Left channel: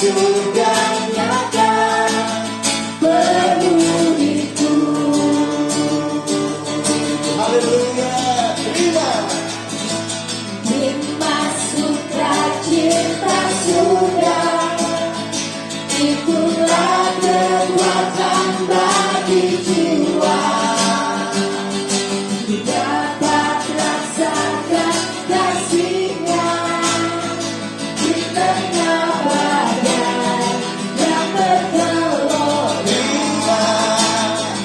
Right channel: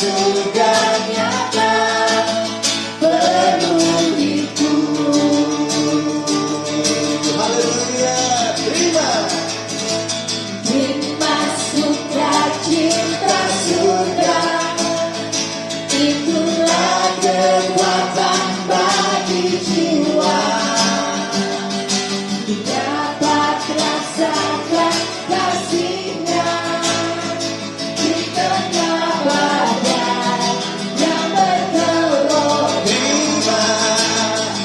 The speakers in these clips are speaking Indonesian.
surga nyata penuhiku. Haleluya, terima. Nikmat sukacita surga, itulah kekuatan bagi jiwa. Dapat rasakan kasih-Nya di tengah badai yang bergelora.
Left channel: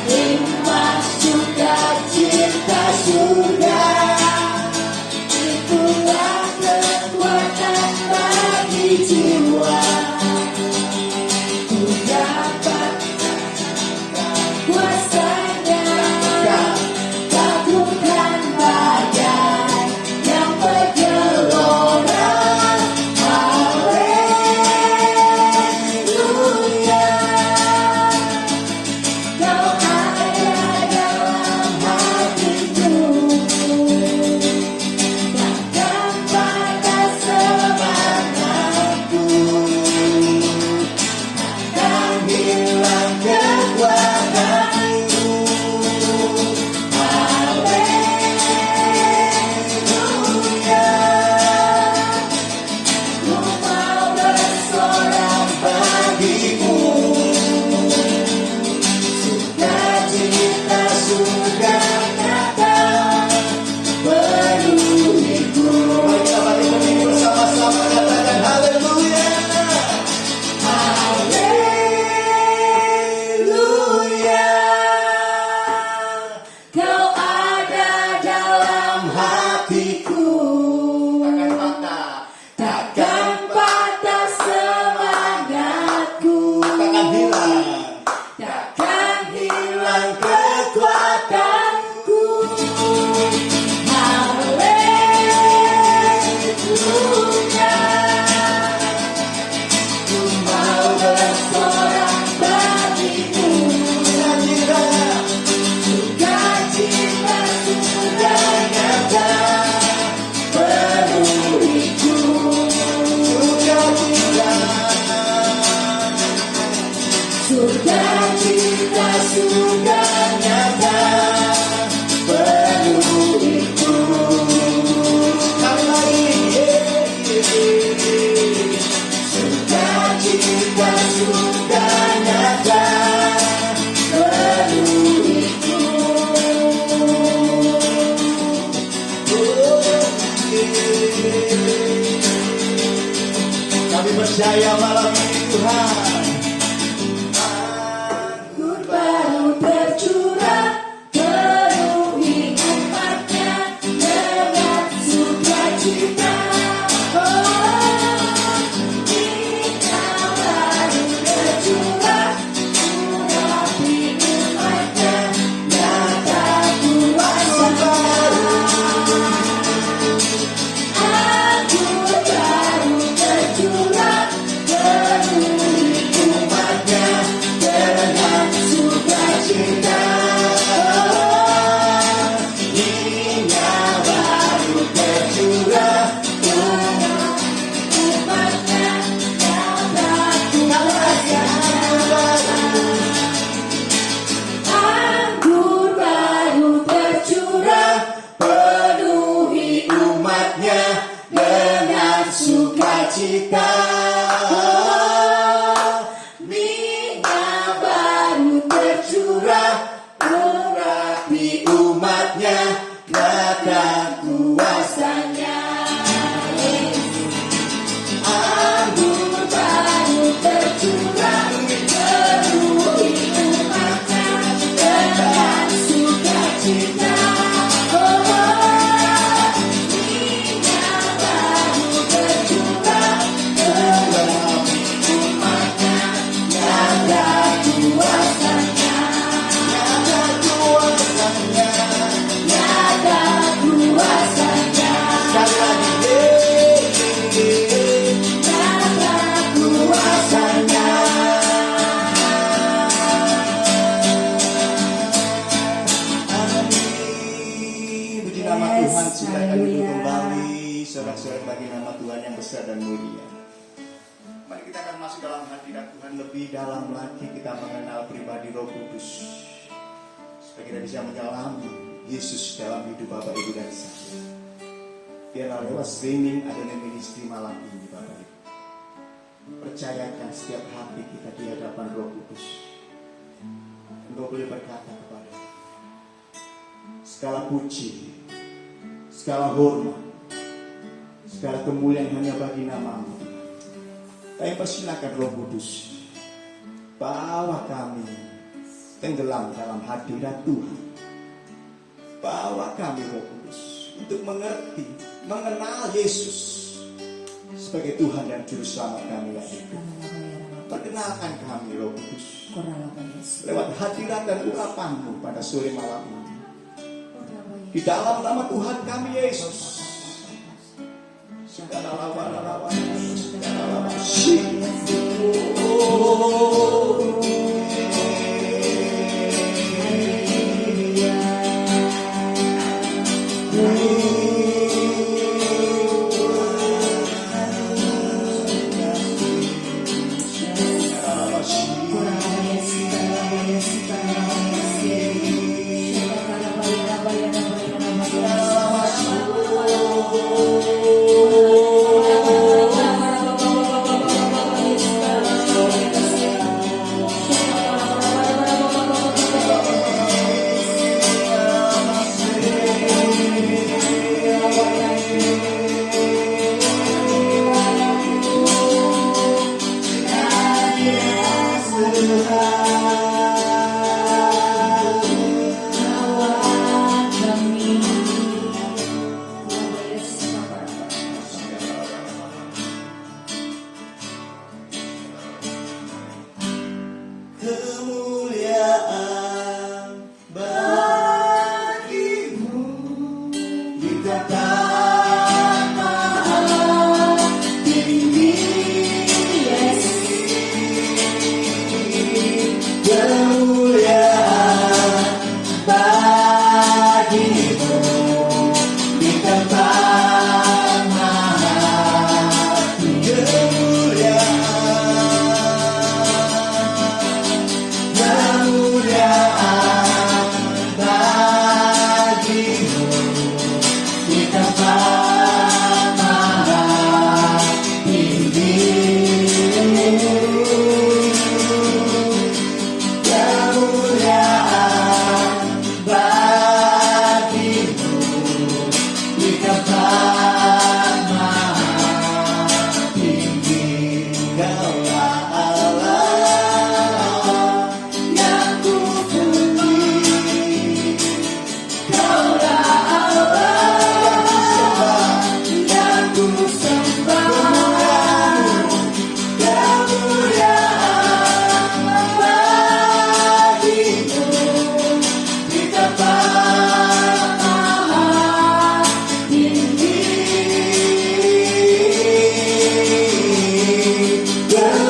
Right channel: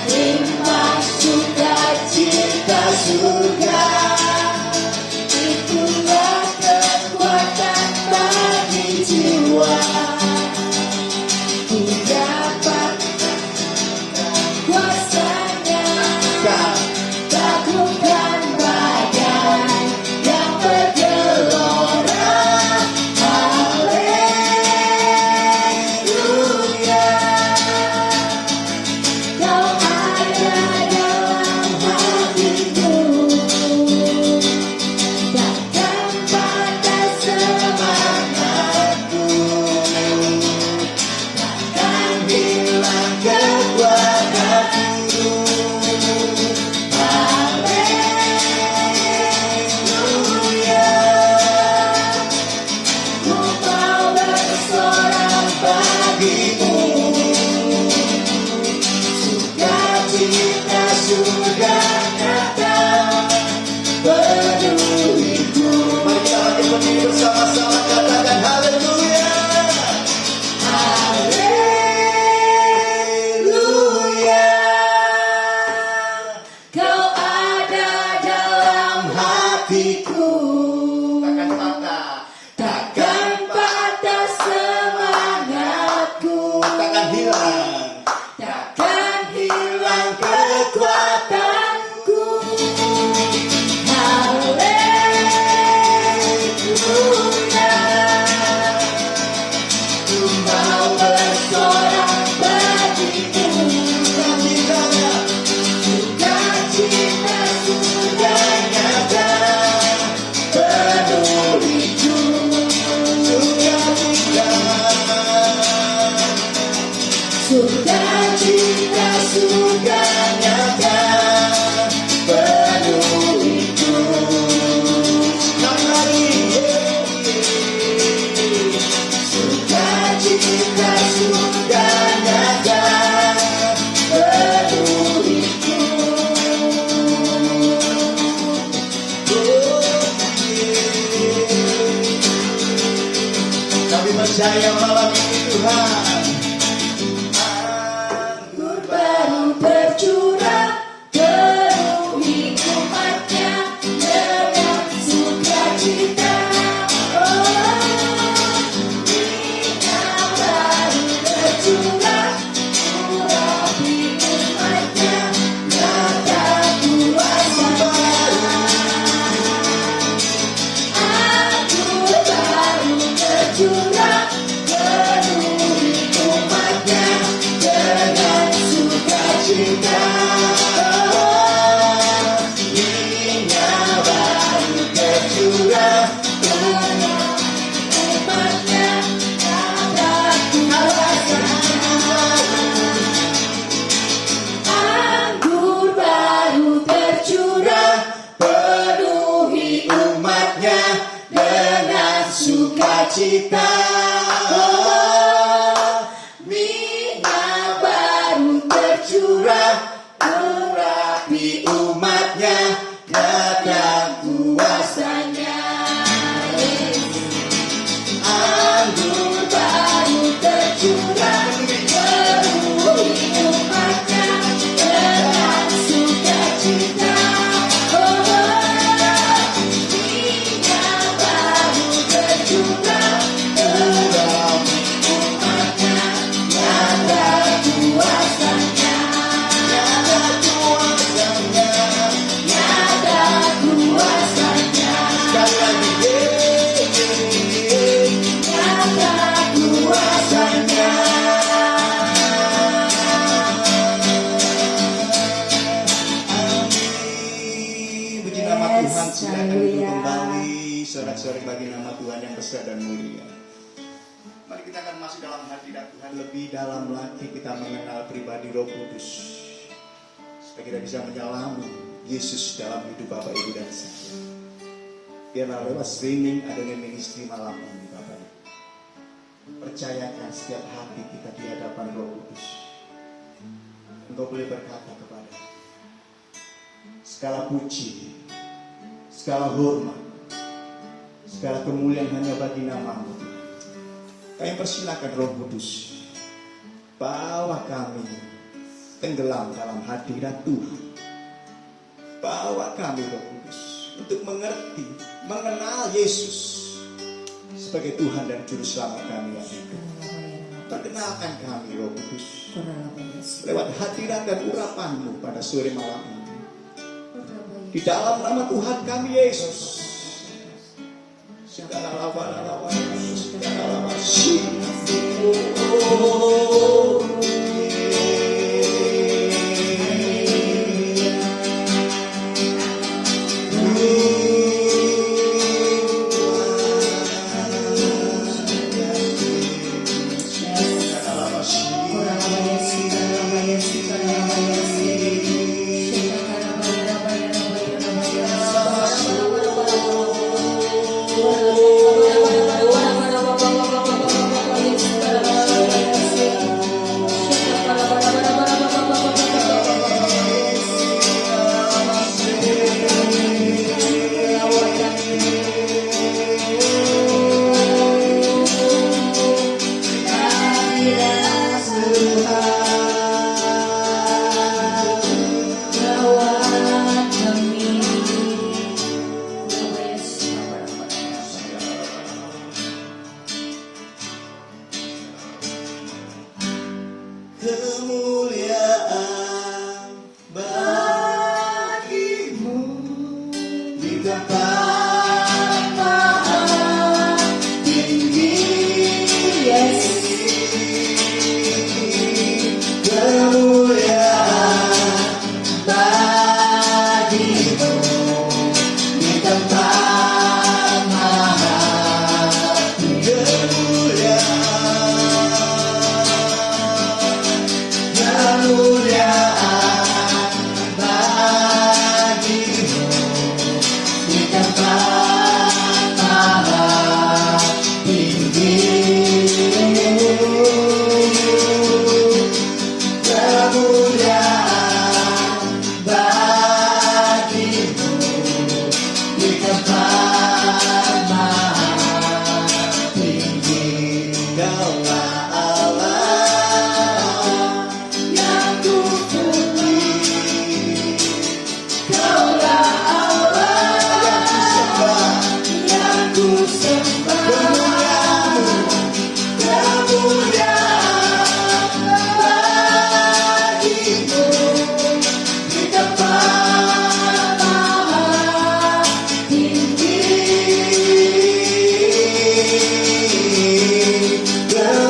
Nikmat sukacita surga, itulah kekuatan bagi jiwa. Ku dapat kuasa-Nya takutkan badai yang bergelora. Haleluya, Kau ada dalam hatiku, takkan patah semangatku, takkan hilang kekuatanku. Haleluya, ku mau bersorak bagimu. Sukacita surga nyata penuhiku. Mari kita ikuti bersama-sama, katakan haleluya. Haleluya, Kau ada dalam hatiku, takkan patah semangatku, takkan hilang kekuatanku. Haleluya, ku mau bersorak bagimu. Sukacita surga nyata penuhiku. Sukacita surga nyata penuhiku. Sukacita surga nyata penuhiku. Kami percaya malam ini Tuhan, anggur baru tercurah, penuhi umat-Nya dengan sukacita. Minyak baru tercurah, urapi umat-Nya, nyata kuasa. Anggur baru tercurah, penuhi umat-Nya dengan sukacita. Minyak baru tercurah, penuhi umat-Nya, nyata kuasa. Anggur baru tercurah, penuhi umat-Nya dengan sukacita. Minyak baru tercurah, urapi umat-Nya, nyata kuasa-Nya. Anggur baru tercurah, penuhi umat-Nya dengan sukacita. Minyak baru tercurah, penuhi umat-Nya, nyata kuasa-Nya. Nyata kuasa-Nya. Sekali lagi, nyata kuasa-Nya. Amin. Puji nama Tuhan. Sudah kami kembali sorak-sorak bagi nama Tuhan yang besar dan mulia. Mari kita akan masuk dalam hadirat Tuhan, lebih dalam lagi kita mengenal pribadi Roh Kudus, supaya kita bisa mengalami Yesus dalam hidup Bapak Ibu dan saya. Biarlah lewat streaming adanya ministry malam ini Bapak Ibu, percayakan setiap hati kita di hadapan Roh Kudus. Engkau boleh berkata kepada segala puji, segala hormat, segala kemuliaan hanya bagi nama-Mu. Kami persilakan Roh Kudus, bawa kami tenggelam dalam hadirat Tuhan. Bawa kami Roh Kudus untuk mengerti, mengenal Yesus sebagai Tuhan dan Juru Selamat kami yang hidup. Perkenalkan kami Roh Kudus lewat hadirat dan urapan-Mu pada sore malam ini. Di dalam nama Tuhan kami Yesus. Segala lawan-lawan, segala lawan. Yeah.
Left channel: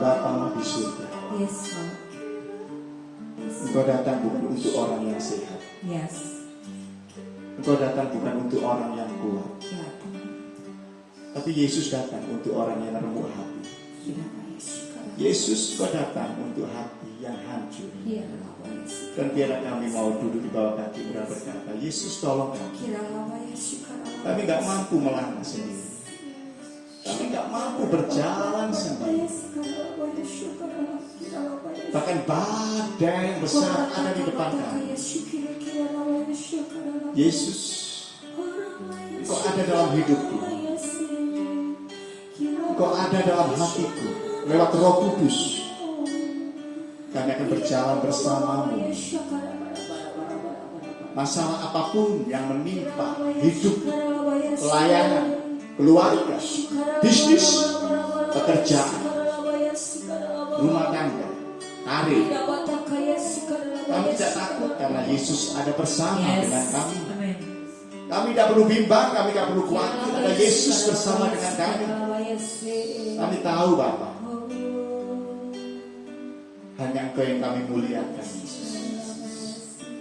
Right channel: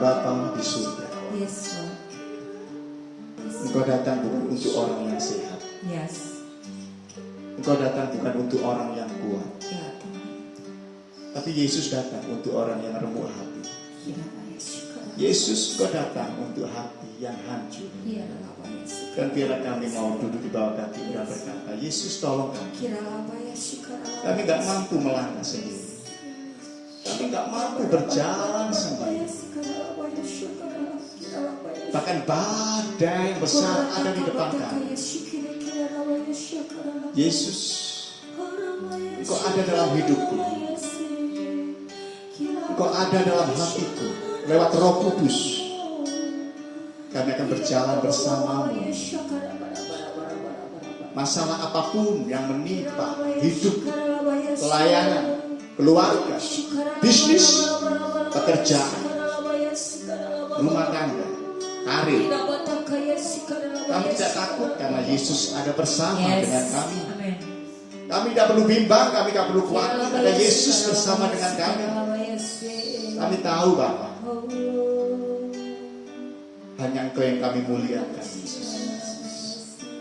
Bapa di surga. Yes, Lord. Engkau datang bukan untuk orang yang sehat. Yes. Engkau datang bukan untuk orang yang kuat. Ya. Tapi Yesus datang untuk orang yang remuk hati. Yesus, Engkau datang untuk hati yang hancur. Dan biarlah kami mau duduk di bawah kaki dan berkata, Yesus tolong kami. Kami gak mampu melangkah sendiri. Kami gak mampu berjalan sendiri. Bahkan badai yang besar ada di depan kami. Yesus, Engkau ada dalam hidupku. Engkau ada dalam hatiku. Lewat Roh Kudus kami akan berjalan bersamamu. Masalah apapun yang menimpa hidup, pelayanan, keluarga, bisnis, pekerjaan, rumah tangga, karir, kami tidak takut karena Yesus ada bersama dengan kami. Kami tidak perlu bimbang, kami tidak perlu khawatir karena Yesus bersama dengan kami. Kami tahu Bapa, hanya Engkau yang kami muliakan.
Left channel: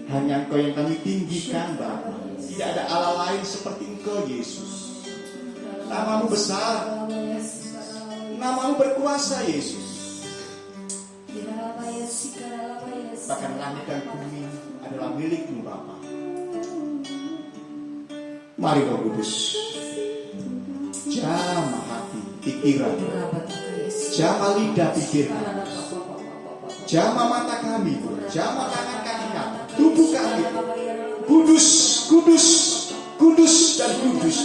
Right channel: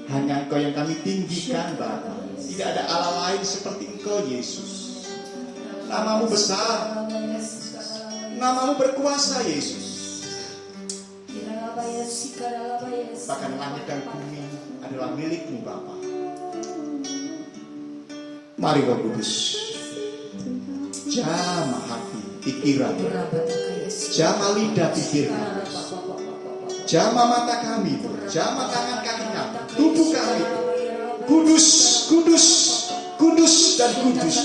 Hanya Engkau yang kami tinggikan Bapa. Tidak ada Allah lain seperti Engkau Yesus. Namamu besar, namamu berkuasa Yesus. Bahkan langit dan bumi adalah milikmu Bapa. Mari Roh Kudus, jamah hati, pikiran, jamah lidah pikiran, jamah mata kami, jamah tangan kaki kami, tubuh kami. Kudus, kudus, kudus dan kudus.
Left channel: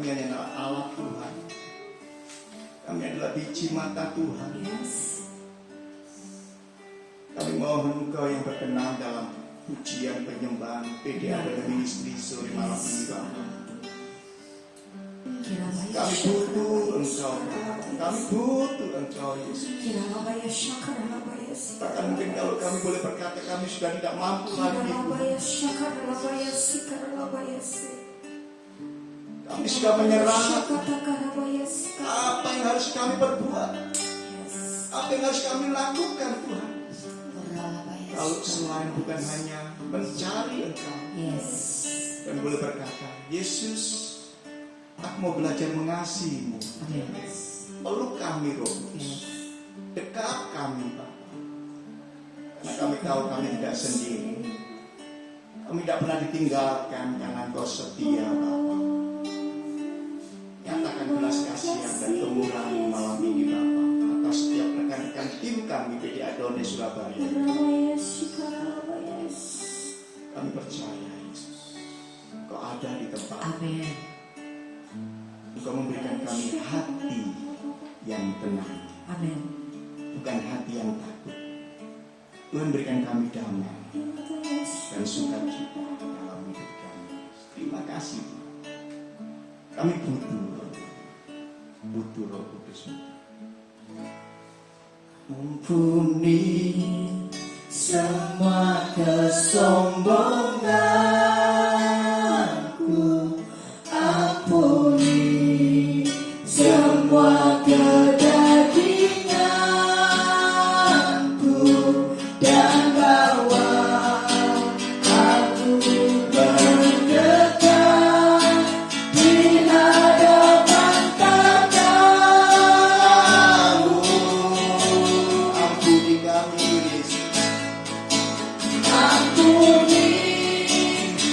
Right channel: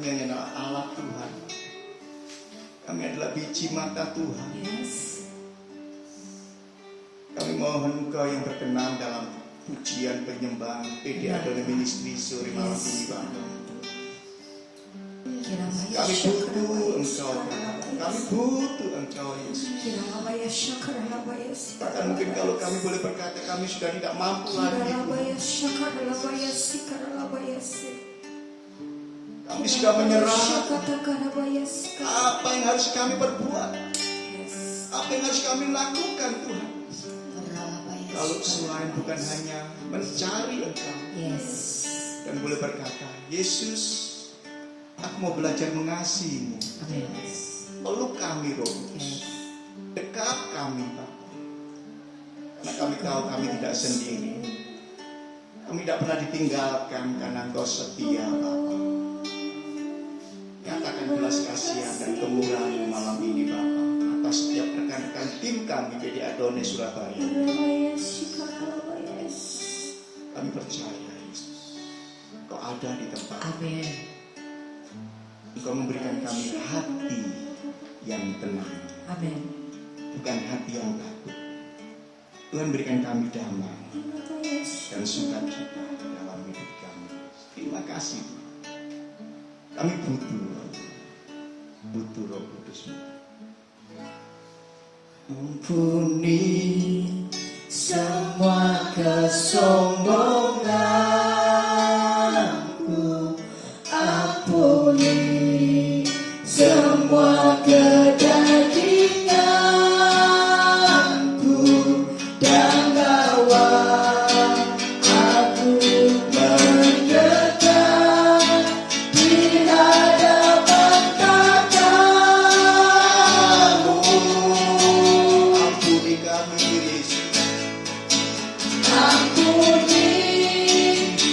Kami adalah alat Tuhan. Kami adalah biji mata Tuhan. Kami mohon Engkau yang berkenan dalam pujian penyembahan PDA dan ministry sore malam ini Bapa. Kami butuh Engkau. Kami butuh Engkau Yesus. Bahkan mungkin kalau kami boleh berkata kami sudah tidak mampu lagi. Kami sudah menyerah. Apa yang harus kami perbuat? Apa yang harus kami lakukan Tuhan? Kalau selain bukan hanya mencari Engkau. Dan boleh berkata, Yesus, aku mau belajar mengasihi-Mu. Peluk kami Roh. Dekat kami Bapa. Karena kami tahu kami tidak sendiri. Kami tidak pernah ditinggalkan karena Engkau setia Bapa. Nyatakan belas kasihan dan kemurahan-Mu malam ini Bapa. Atas setiap rekan-rekan tim kami jadi Adonai Surabaya. Kami percaya Yesus. Engkau ada di tempat. Amin. Engkau memberikan kami hati yang tenang. Amin. Bukan hati yang takut. Tuhan berikan kami damai dan sukacita dalam hidup kami. Terima kasih Tuhan. Kami butuh Roh Kudus. Ampuni semua kesombonganku, ampuni semua kedaginganku, dan bawa aku mendekat di hadapan tatamu. Ampuni kami Yesus. Ampuni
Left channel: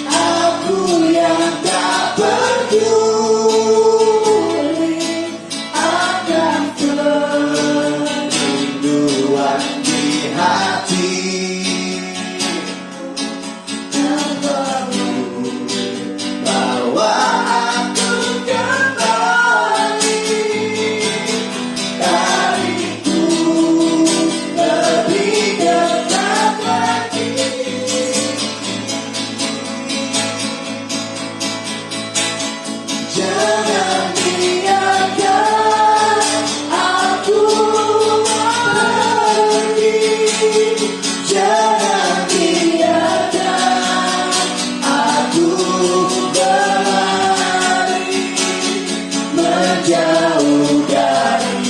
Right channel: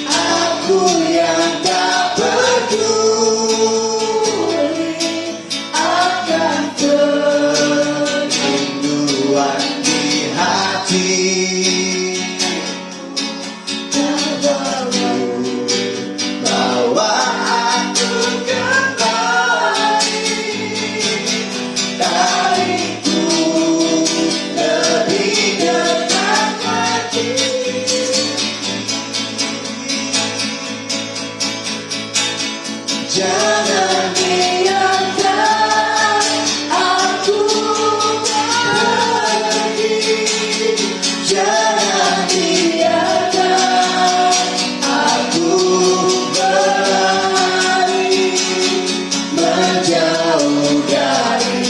aku yang tak peduli akan kerinduan di hati. Bawa aku kembali, tariku lebih dekat lagi. Jangan biarkan aku pergi. Jangan biarkan aku berlari menjauh dari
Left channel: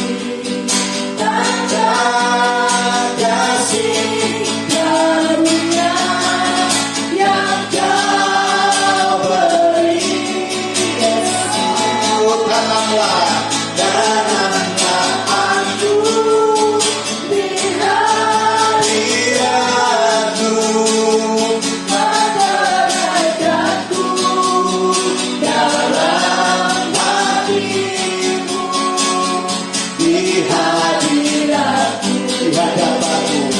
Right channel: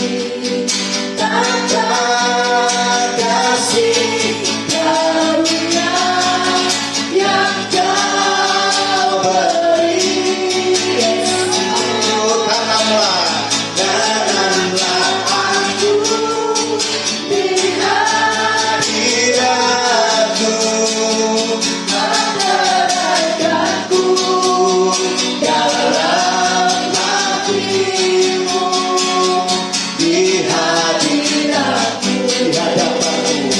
tanda kasih karunia yang Kau beri. Tanamlah aku di hadirat-Mu, menyerahkanku dalam hati-Mu, di hadirat-Mu, di hadapan-Mu,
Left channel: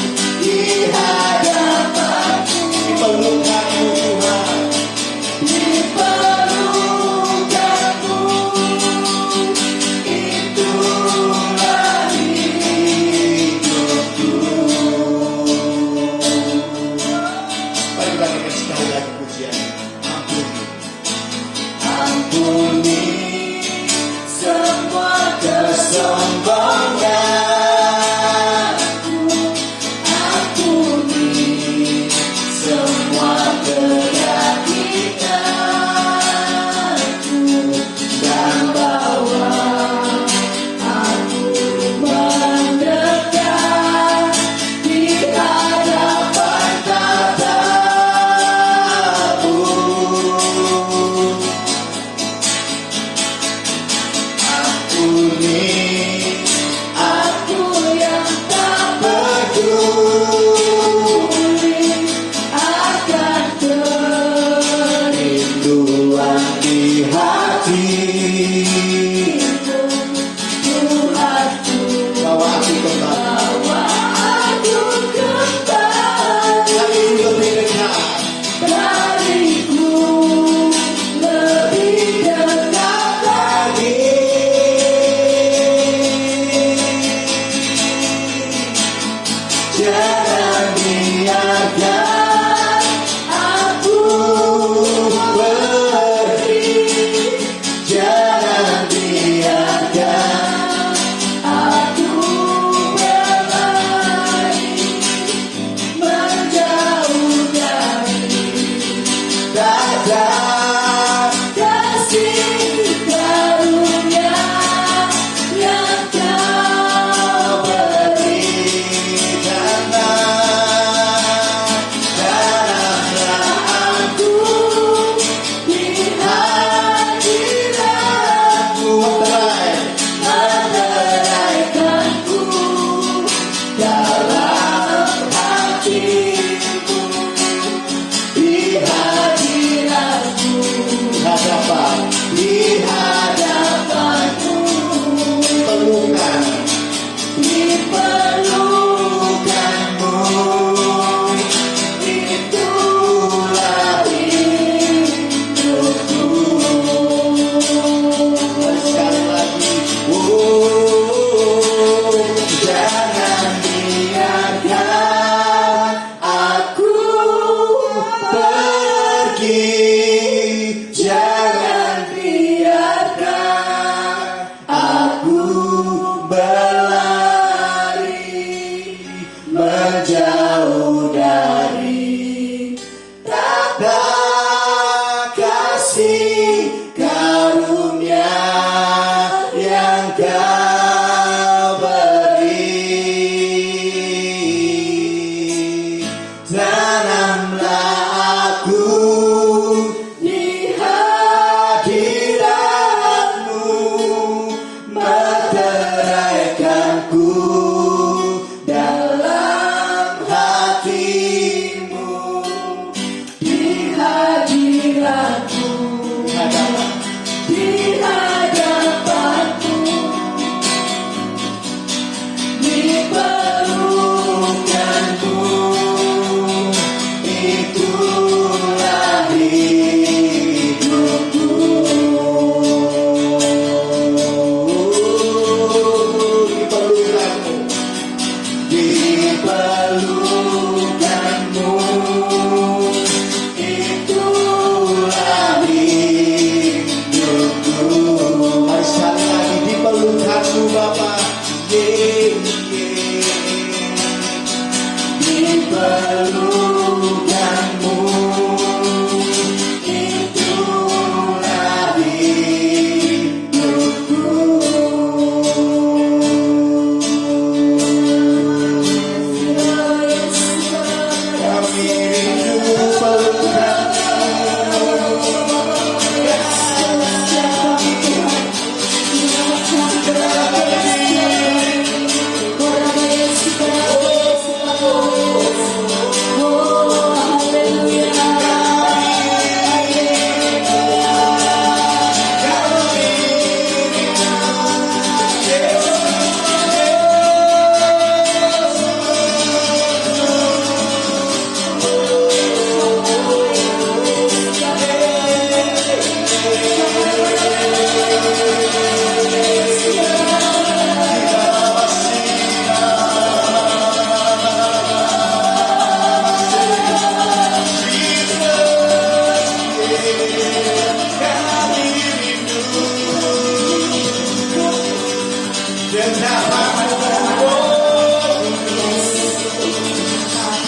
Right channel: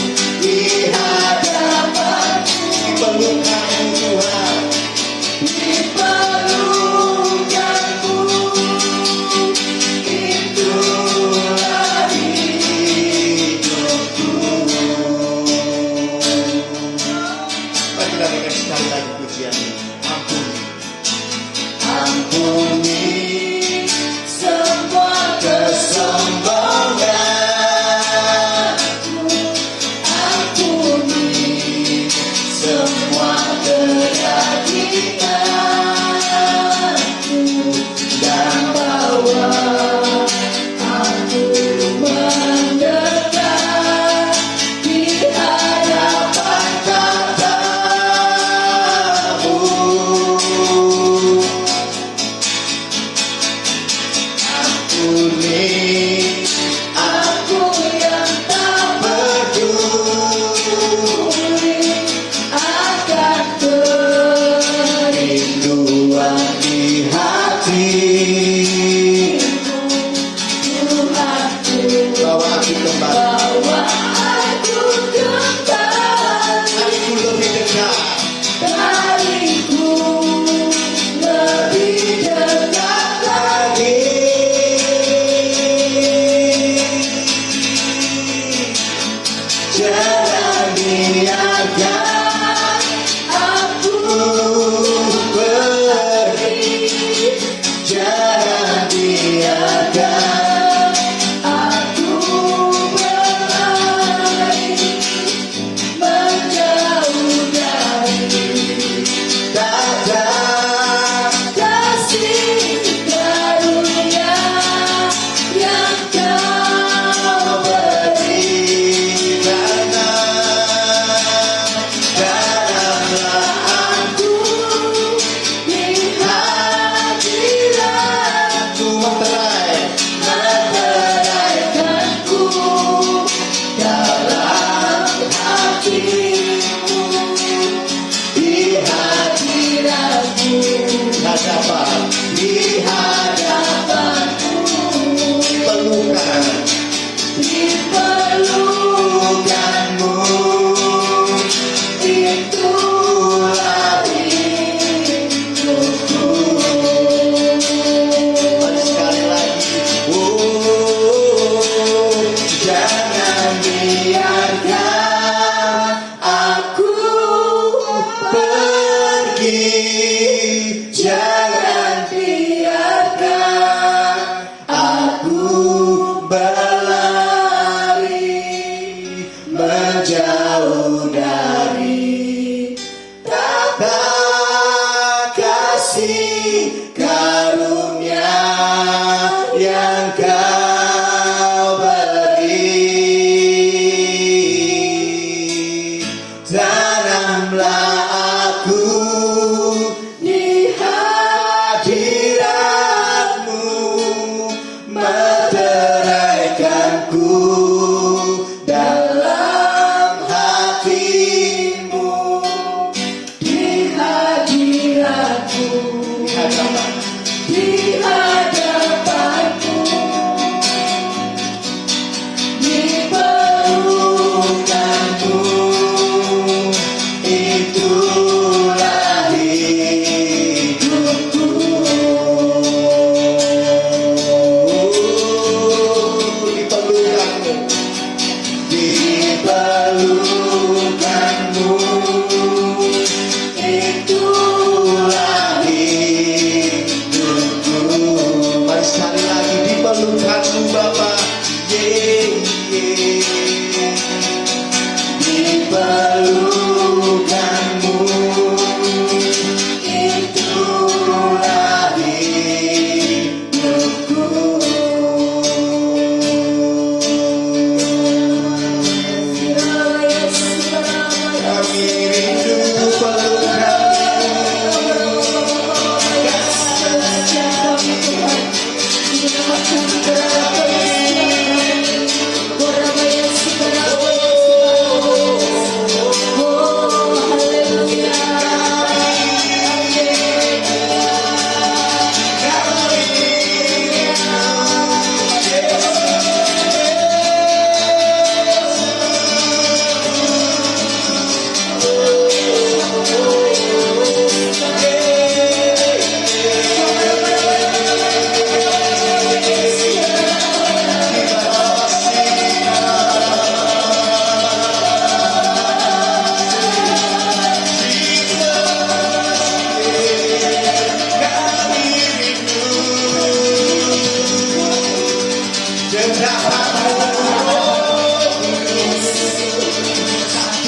di hadapan-Mu, di pelukan-Mu Tuhan, di pelukan-Mu. Itulah hidupku. Mari kita berikan sekali lagi pujian. Ampuni, ampuni semua kesombonganku, ampuni semua kedaginganku, dan bawa aku mendekat di hadapan tatamu.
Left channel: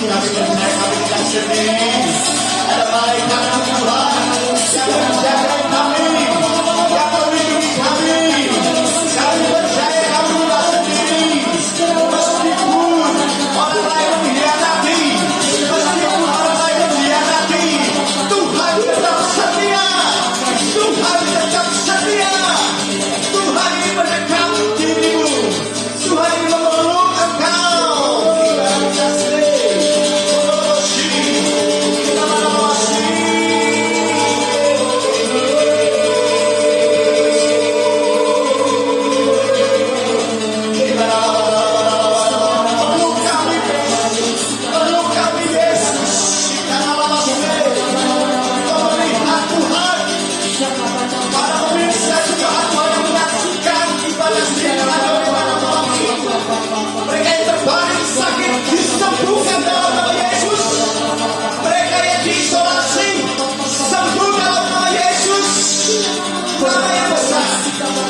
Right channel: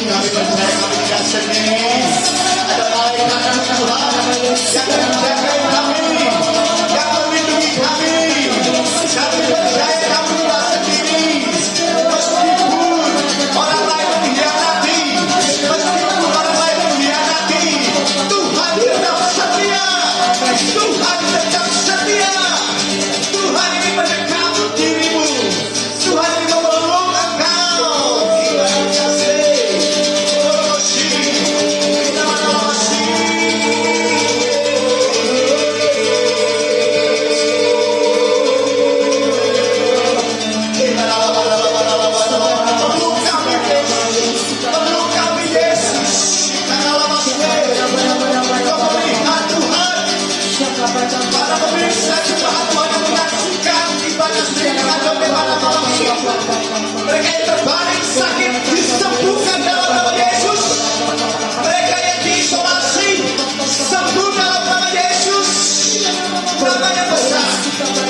Kami percaya kami tidak sendiri. Ada malaikat Tuhan yang menjaga kami, yang melindungi kami. Kami percaya kami tidak sendiri. Meskipun orang lain mengkhianati, meskipun orang lain mengkhianati, Tuhan tetap setia. Tuhan tetap setia. Tuhan ingin mendekat dirimu. Tuhan ingin memeluk engkau. Terima kasih. Mereka yang terbaring sakit disembuhkan dalam nama Yesus. Mereka yang diisolasi sembuh dalam nama Yesus. Nama yang besar,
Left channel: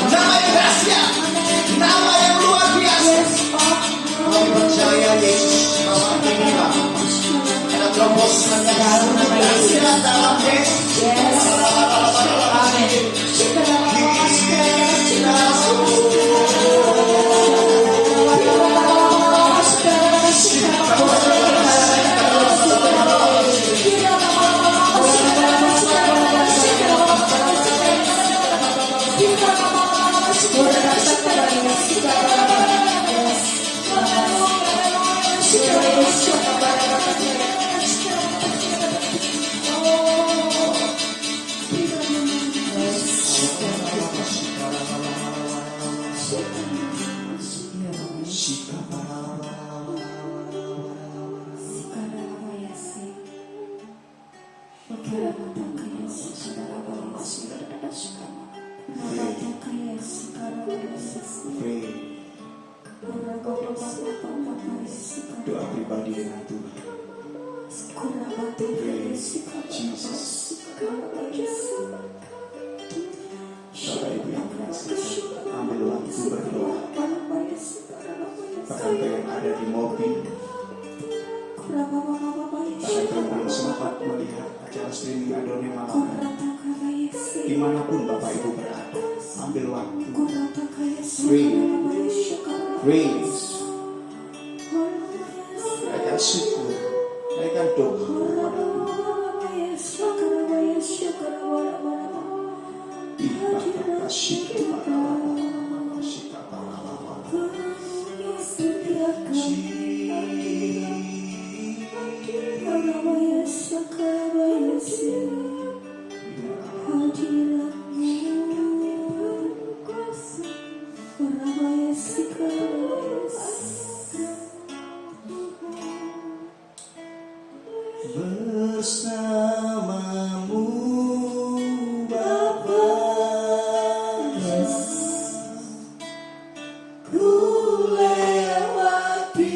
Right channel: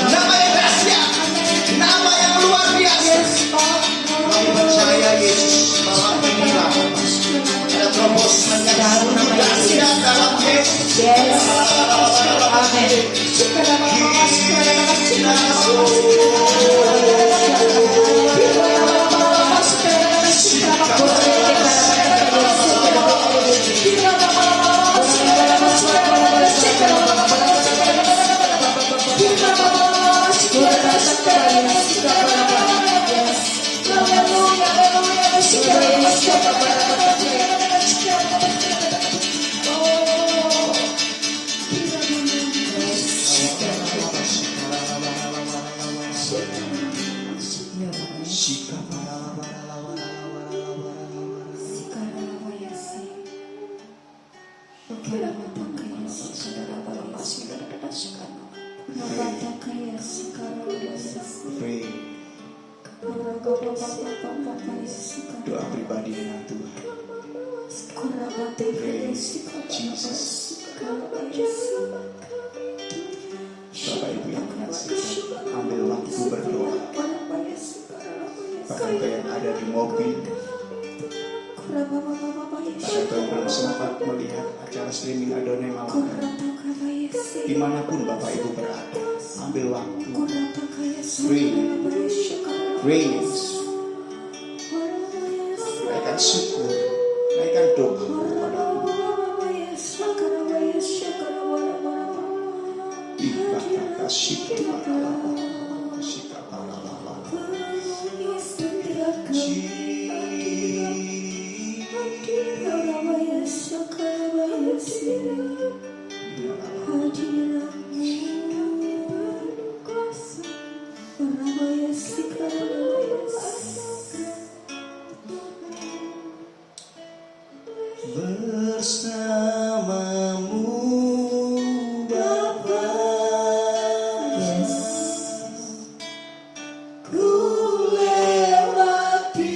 nama yang dahsyat, nama yang luar biasa. Kami percaya Yesus malam ini ada terobosan yang sungguh dahsyat dalam Yesus. Doa pribadi dengan Tuhan. Jesus. Bapak Ibu yang kasih, ambil waktu berdoa. Bahkan yang ada di mobil, bahkan yang belum sempat melihat acara streaming Adonai malam, dimanapun Bapak Ibu berada, ambil waktu. Praise. Naikkan syukur, naikkan doa kepada bersamamu Bapa, ku lewati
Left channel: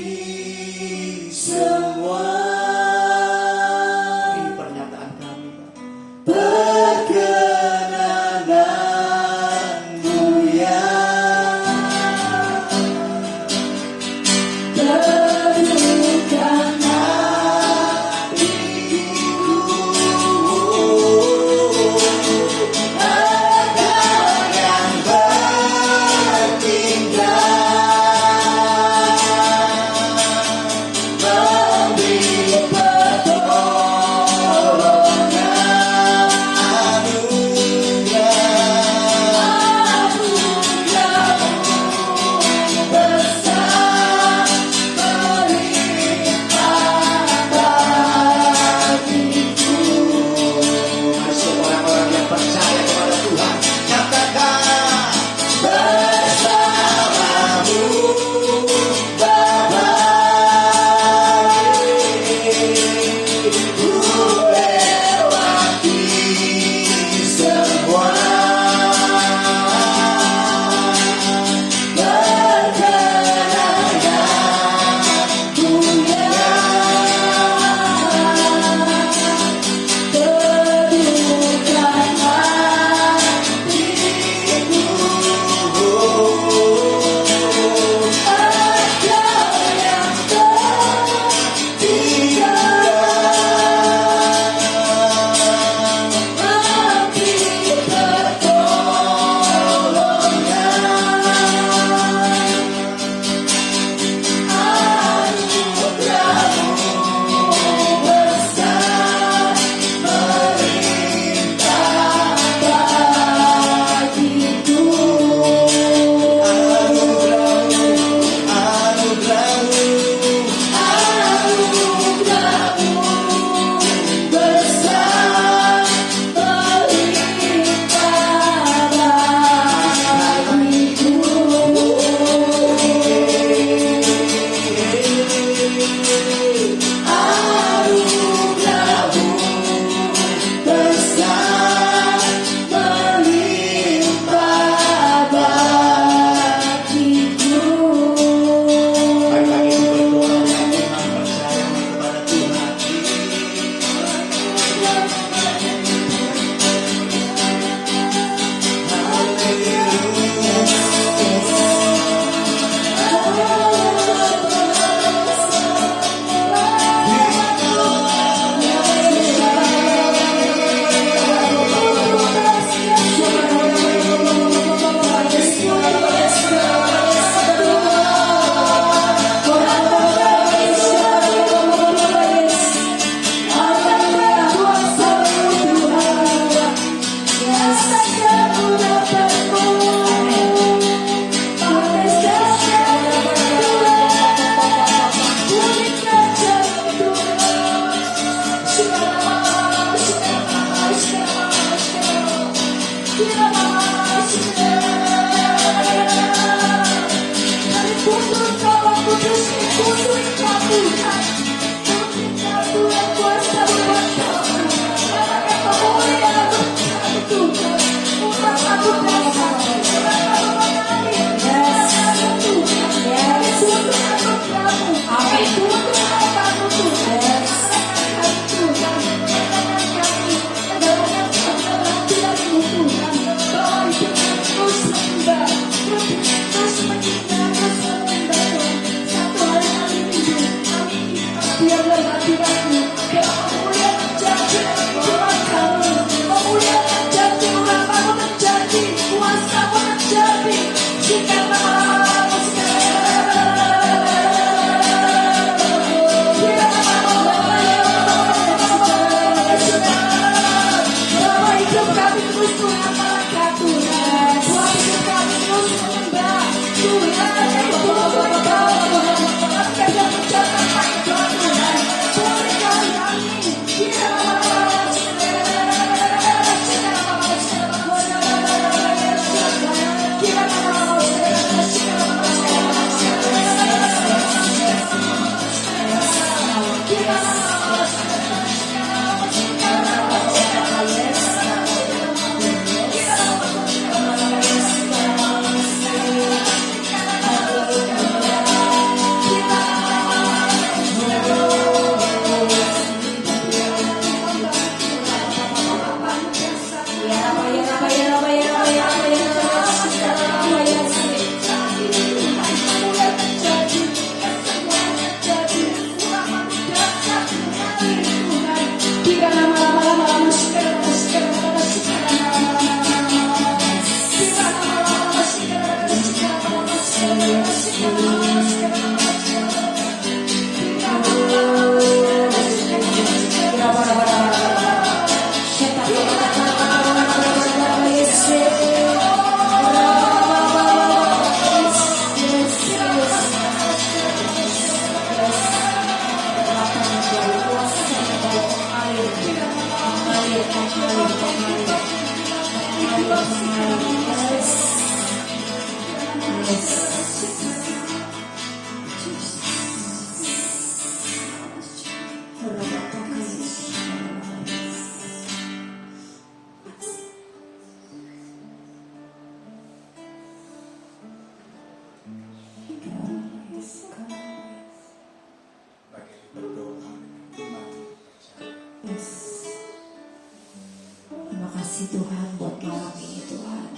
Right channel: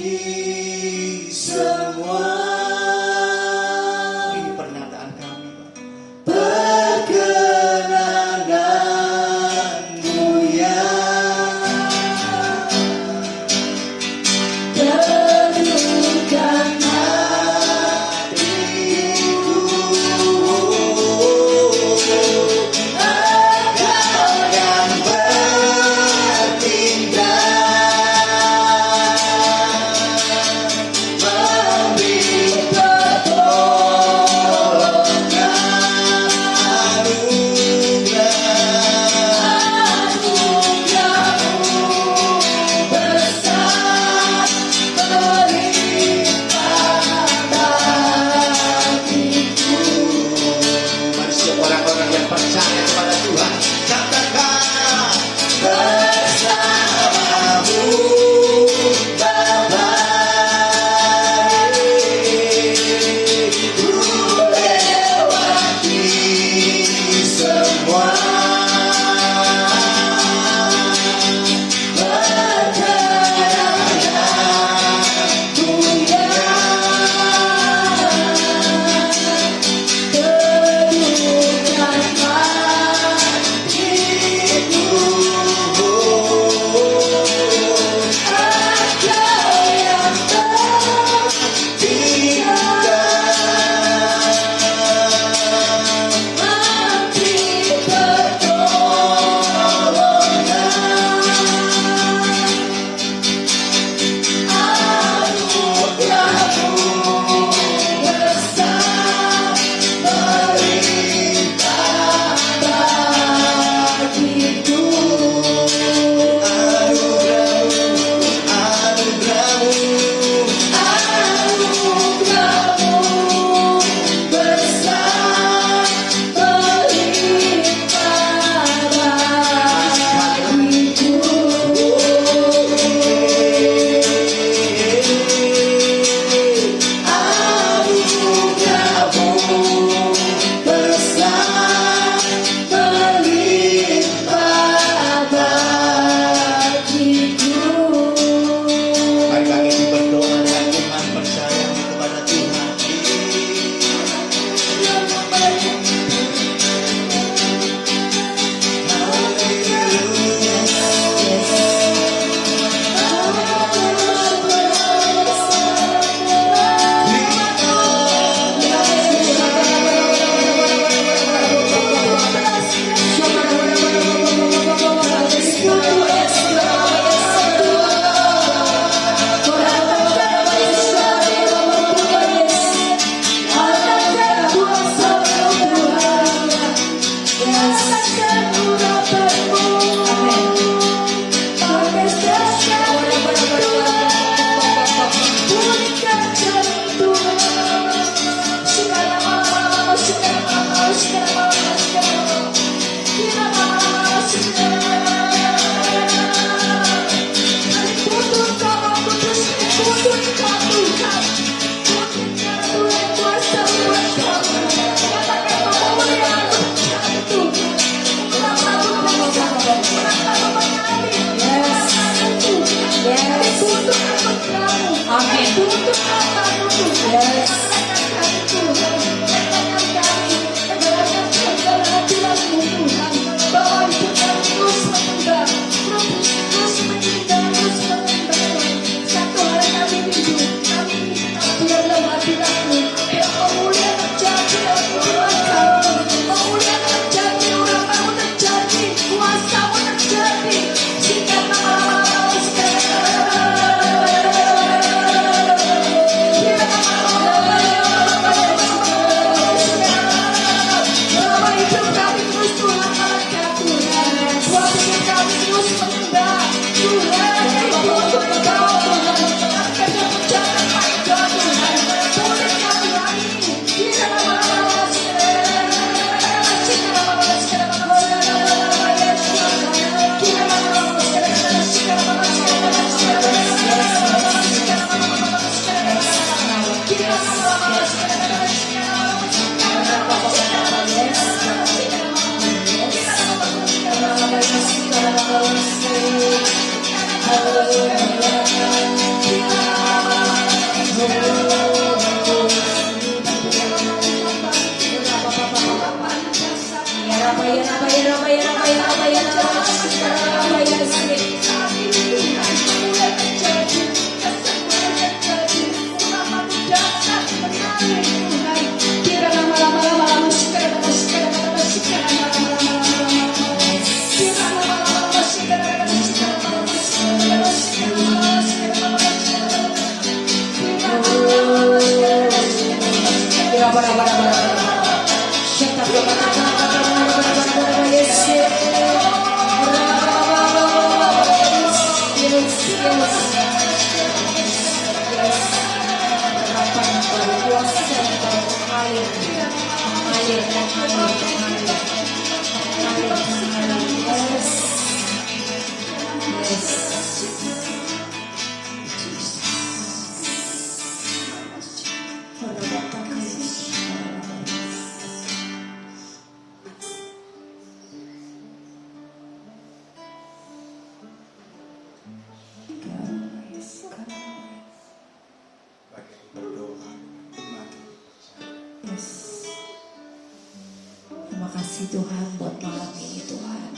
Terima kasih Tuhan buat malam ini Tuhan.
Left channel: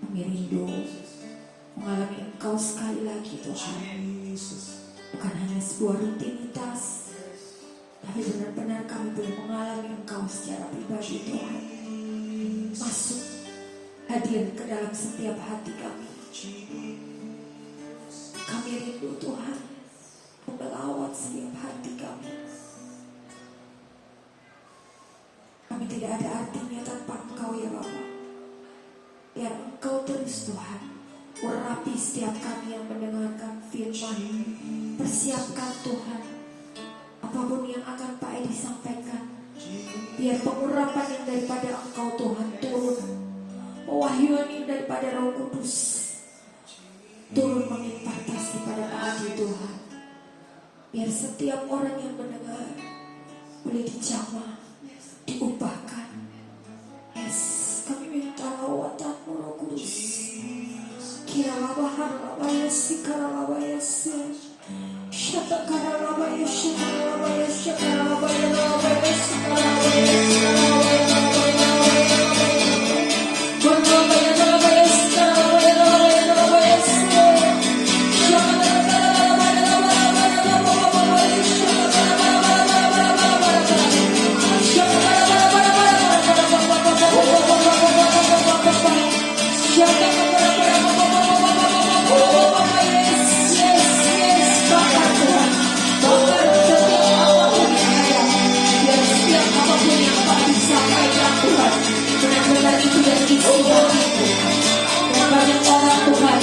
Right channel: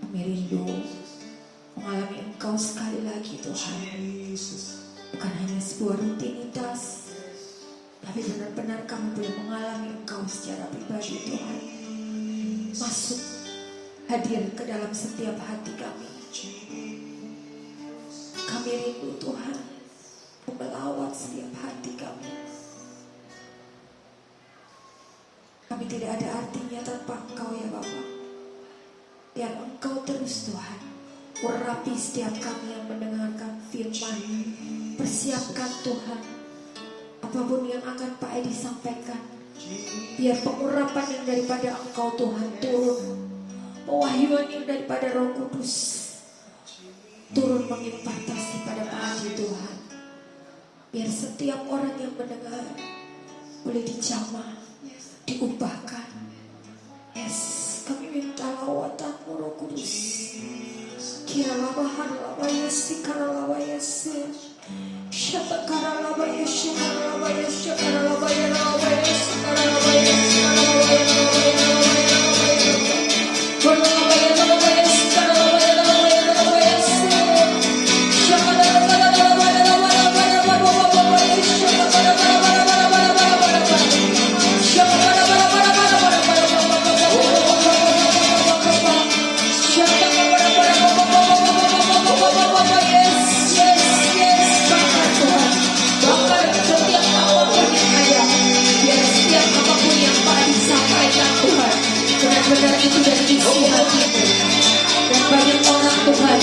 Kami rindu mengalami Engkau sekali lagi Tuhan. Bukan hanya sebuah rutinitas, tapi benar-benar kami boleh mengalami Engkau secara pribadi Tuhan. Masuk, hadir ke dalam setiap hati kami. Kami rindu Tuhan melawat setiap hati kami. Kami tidak ada artinya tanpa Engkau ya Bapa. Biar Engkau terus Tuhan urapi setiap kami yang mendengarkan firman. Persiapkan Tuhan apapun yang akan Pak Edi sampaikan. Biar pengurapan yang daripada Engkau Tuhan turun. Pewahyuan yang daripada Roh Kudus turun mengimpartasi pada Pak Edi Tuhan. Biar setiap orang yang mendengar boleh dijamah, diubahkan. Yes, kami minta lawatan-Mu Roh Kudus. Kiralah bahan lawaya si karalawaya si syata karalawaya si karalawaya si karalawaya lawaya si karalawaya si karalawaya itu dan isi hatimu. Dan banyak orang Tuhan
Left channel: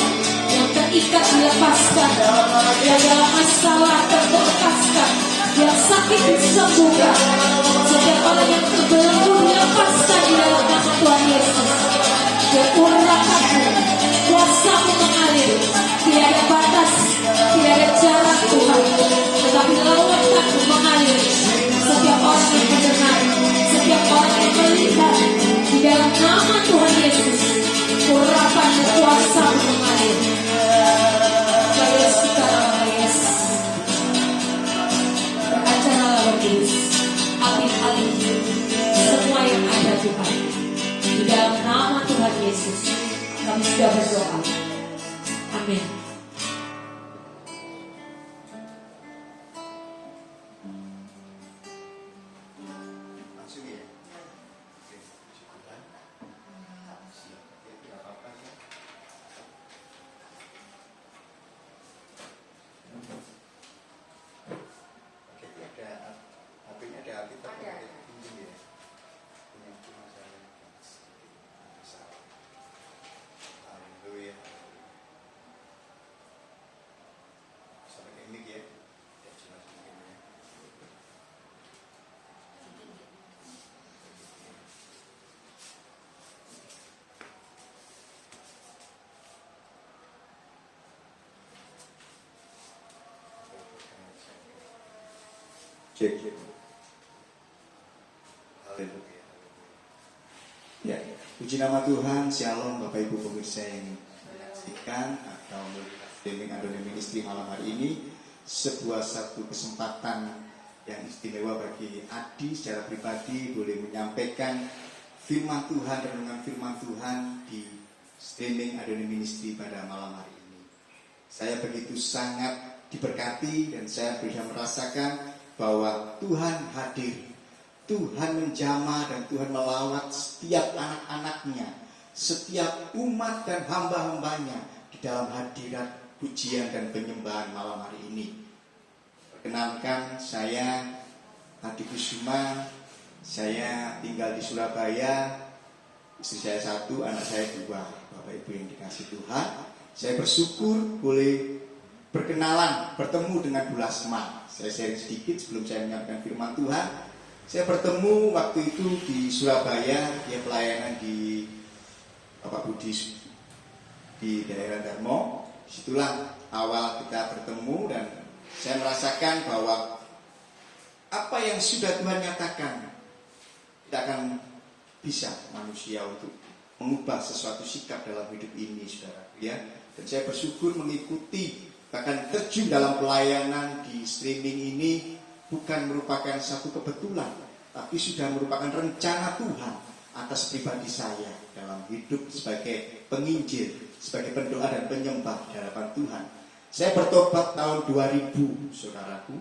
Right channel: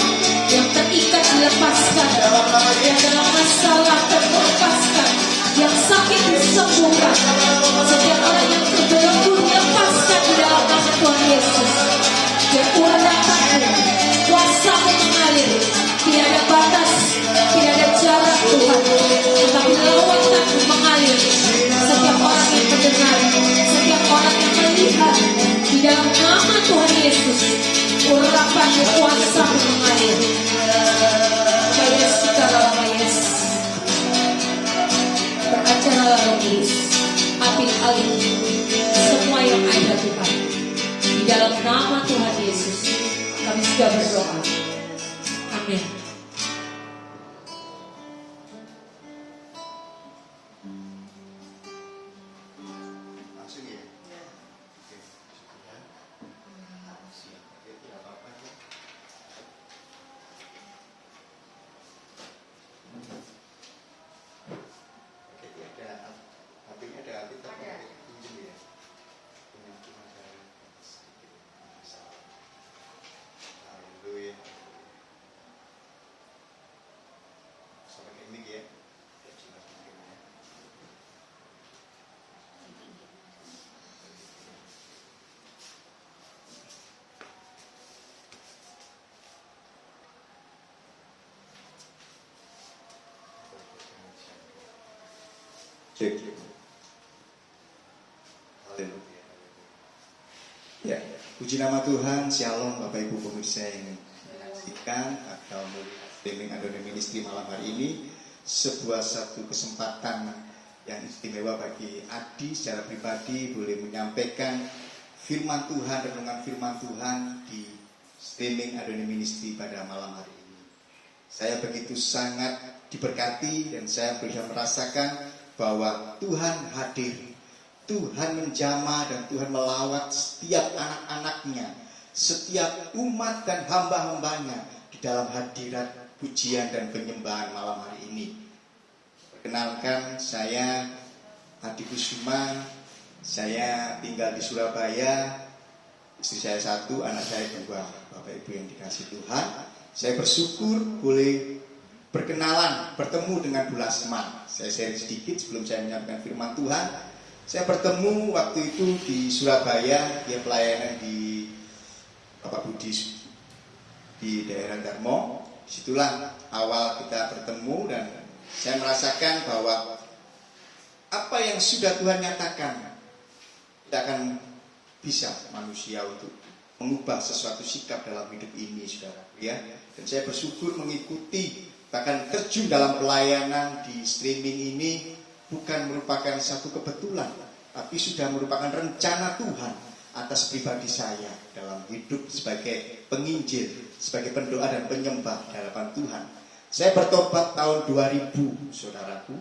yang terikat dilepaskan, yang dalam masalah terlepaskan, yang sakit disembuhkan. Setiap orang yang terbelenggu dilepaskan di dalam nama Tuhan Yesus. Dan Tuhan datangmu, kuasa-Mu mengalir, tidak ada batas, tidak ada jarak Tuhan, tetapi lewat-Mu mengalir. Setiap orang yang mendengar, setiap orang yang melihat, di dalam nama Tuhan Yesus, urapan kuasa-Mu mengalir. Yesus kita dalam Yesus. Beracara logis, api alih, semua yang ada Tuhan. Di dalam nama Tuhan Yesus, kami sudah berdoa. Amin. Langsung ya. Oke, syukurlah. Siap. Oke, tidak apa-apa ya. Oke, ini ada HP-nya ada kita pakai pinjam ya. Punya cuma dari salah. Haleluya. Sampai ini ya. Ya, cuma pinjam ya. Cek. Haleluya. Ya, puji nama Tuhan. Shalom Bapak Ibu pemirsa yang menyaksikan atau melihat streaming Adonai Ministry malam hari ini. Satu kesempatan yang istimewa bagi Adi secara pribadi boleh menyampaikan firman Tuhan, renungan firman Tuhan di streaming Adonai Ministry pada malam hari ini. Saya begitu sangat diberkati dan saya bisa merasakan bahwa Tuhan hadir, Tuhan menjamah dan Tuhan melawat setiap anak-anaknya, setiap umat dan hamba-hambanya di dalam hadirat pujian dan penyembahan malam hari ini. Perkenalkan, saya Adi Kusuma, saya tinggal di Surabaya, istri saya 1, anak saya 2, Bapak Ibu yang dikasihi Tuhan. Saya bersyukur boleh berkenalan, bertemu dengan Bu Lasma. Saya share sedikit sebelum saya menyampaikan firman Tuhan. Saya bertemu waktu itu di Surabaya, dia pelayanan di Bapak Budi di daerah Darmo. Disitulah awal kita bertemu dan saya merasakan bahwa apa yang sudah Tuhan nyatakan tidak akan bisa manusia untuk mengubah sesuatu sikap dalam hidup ini, saudara. Ya, dan saya bersyukur mengikuti bahkan terjun dalam pelayanan di streaming ini bukan merupakan satu kebetulan, tapi sudah merupakan rencana Tuhan atas pribadi saya dalam hidup sebagai penginjil, sebagai pendoa dan penyembah di hadapan Tuhan. Saya bertobat tahun 2000, saudaraku,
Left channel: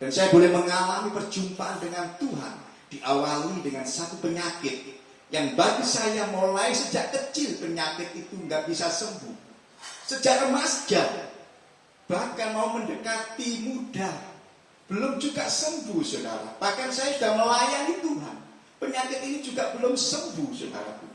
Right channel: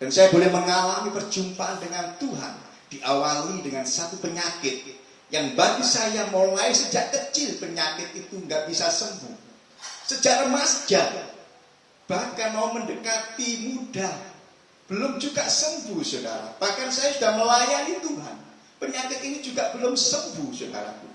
dan saya boleh mengalami perjumpaan dengan Tuhan diawali dengan satu penyakit yang bagi saya mulai sejak kecil penyakit itu nggak bisa sembuh. Sejak remaja, bahkan mau mendekati muda, belum juga sembuh, saudara. Bahkan saya sudah melayani Tuhan, penyakit ini juga belum sembuh, saudaraku.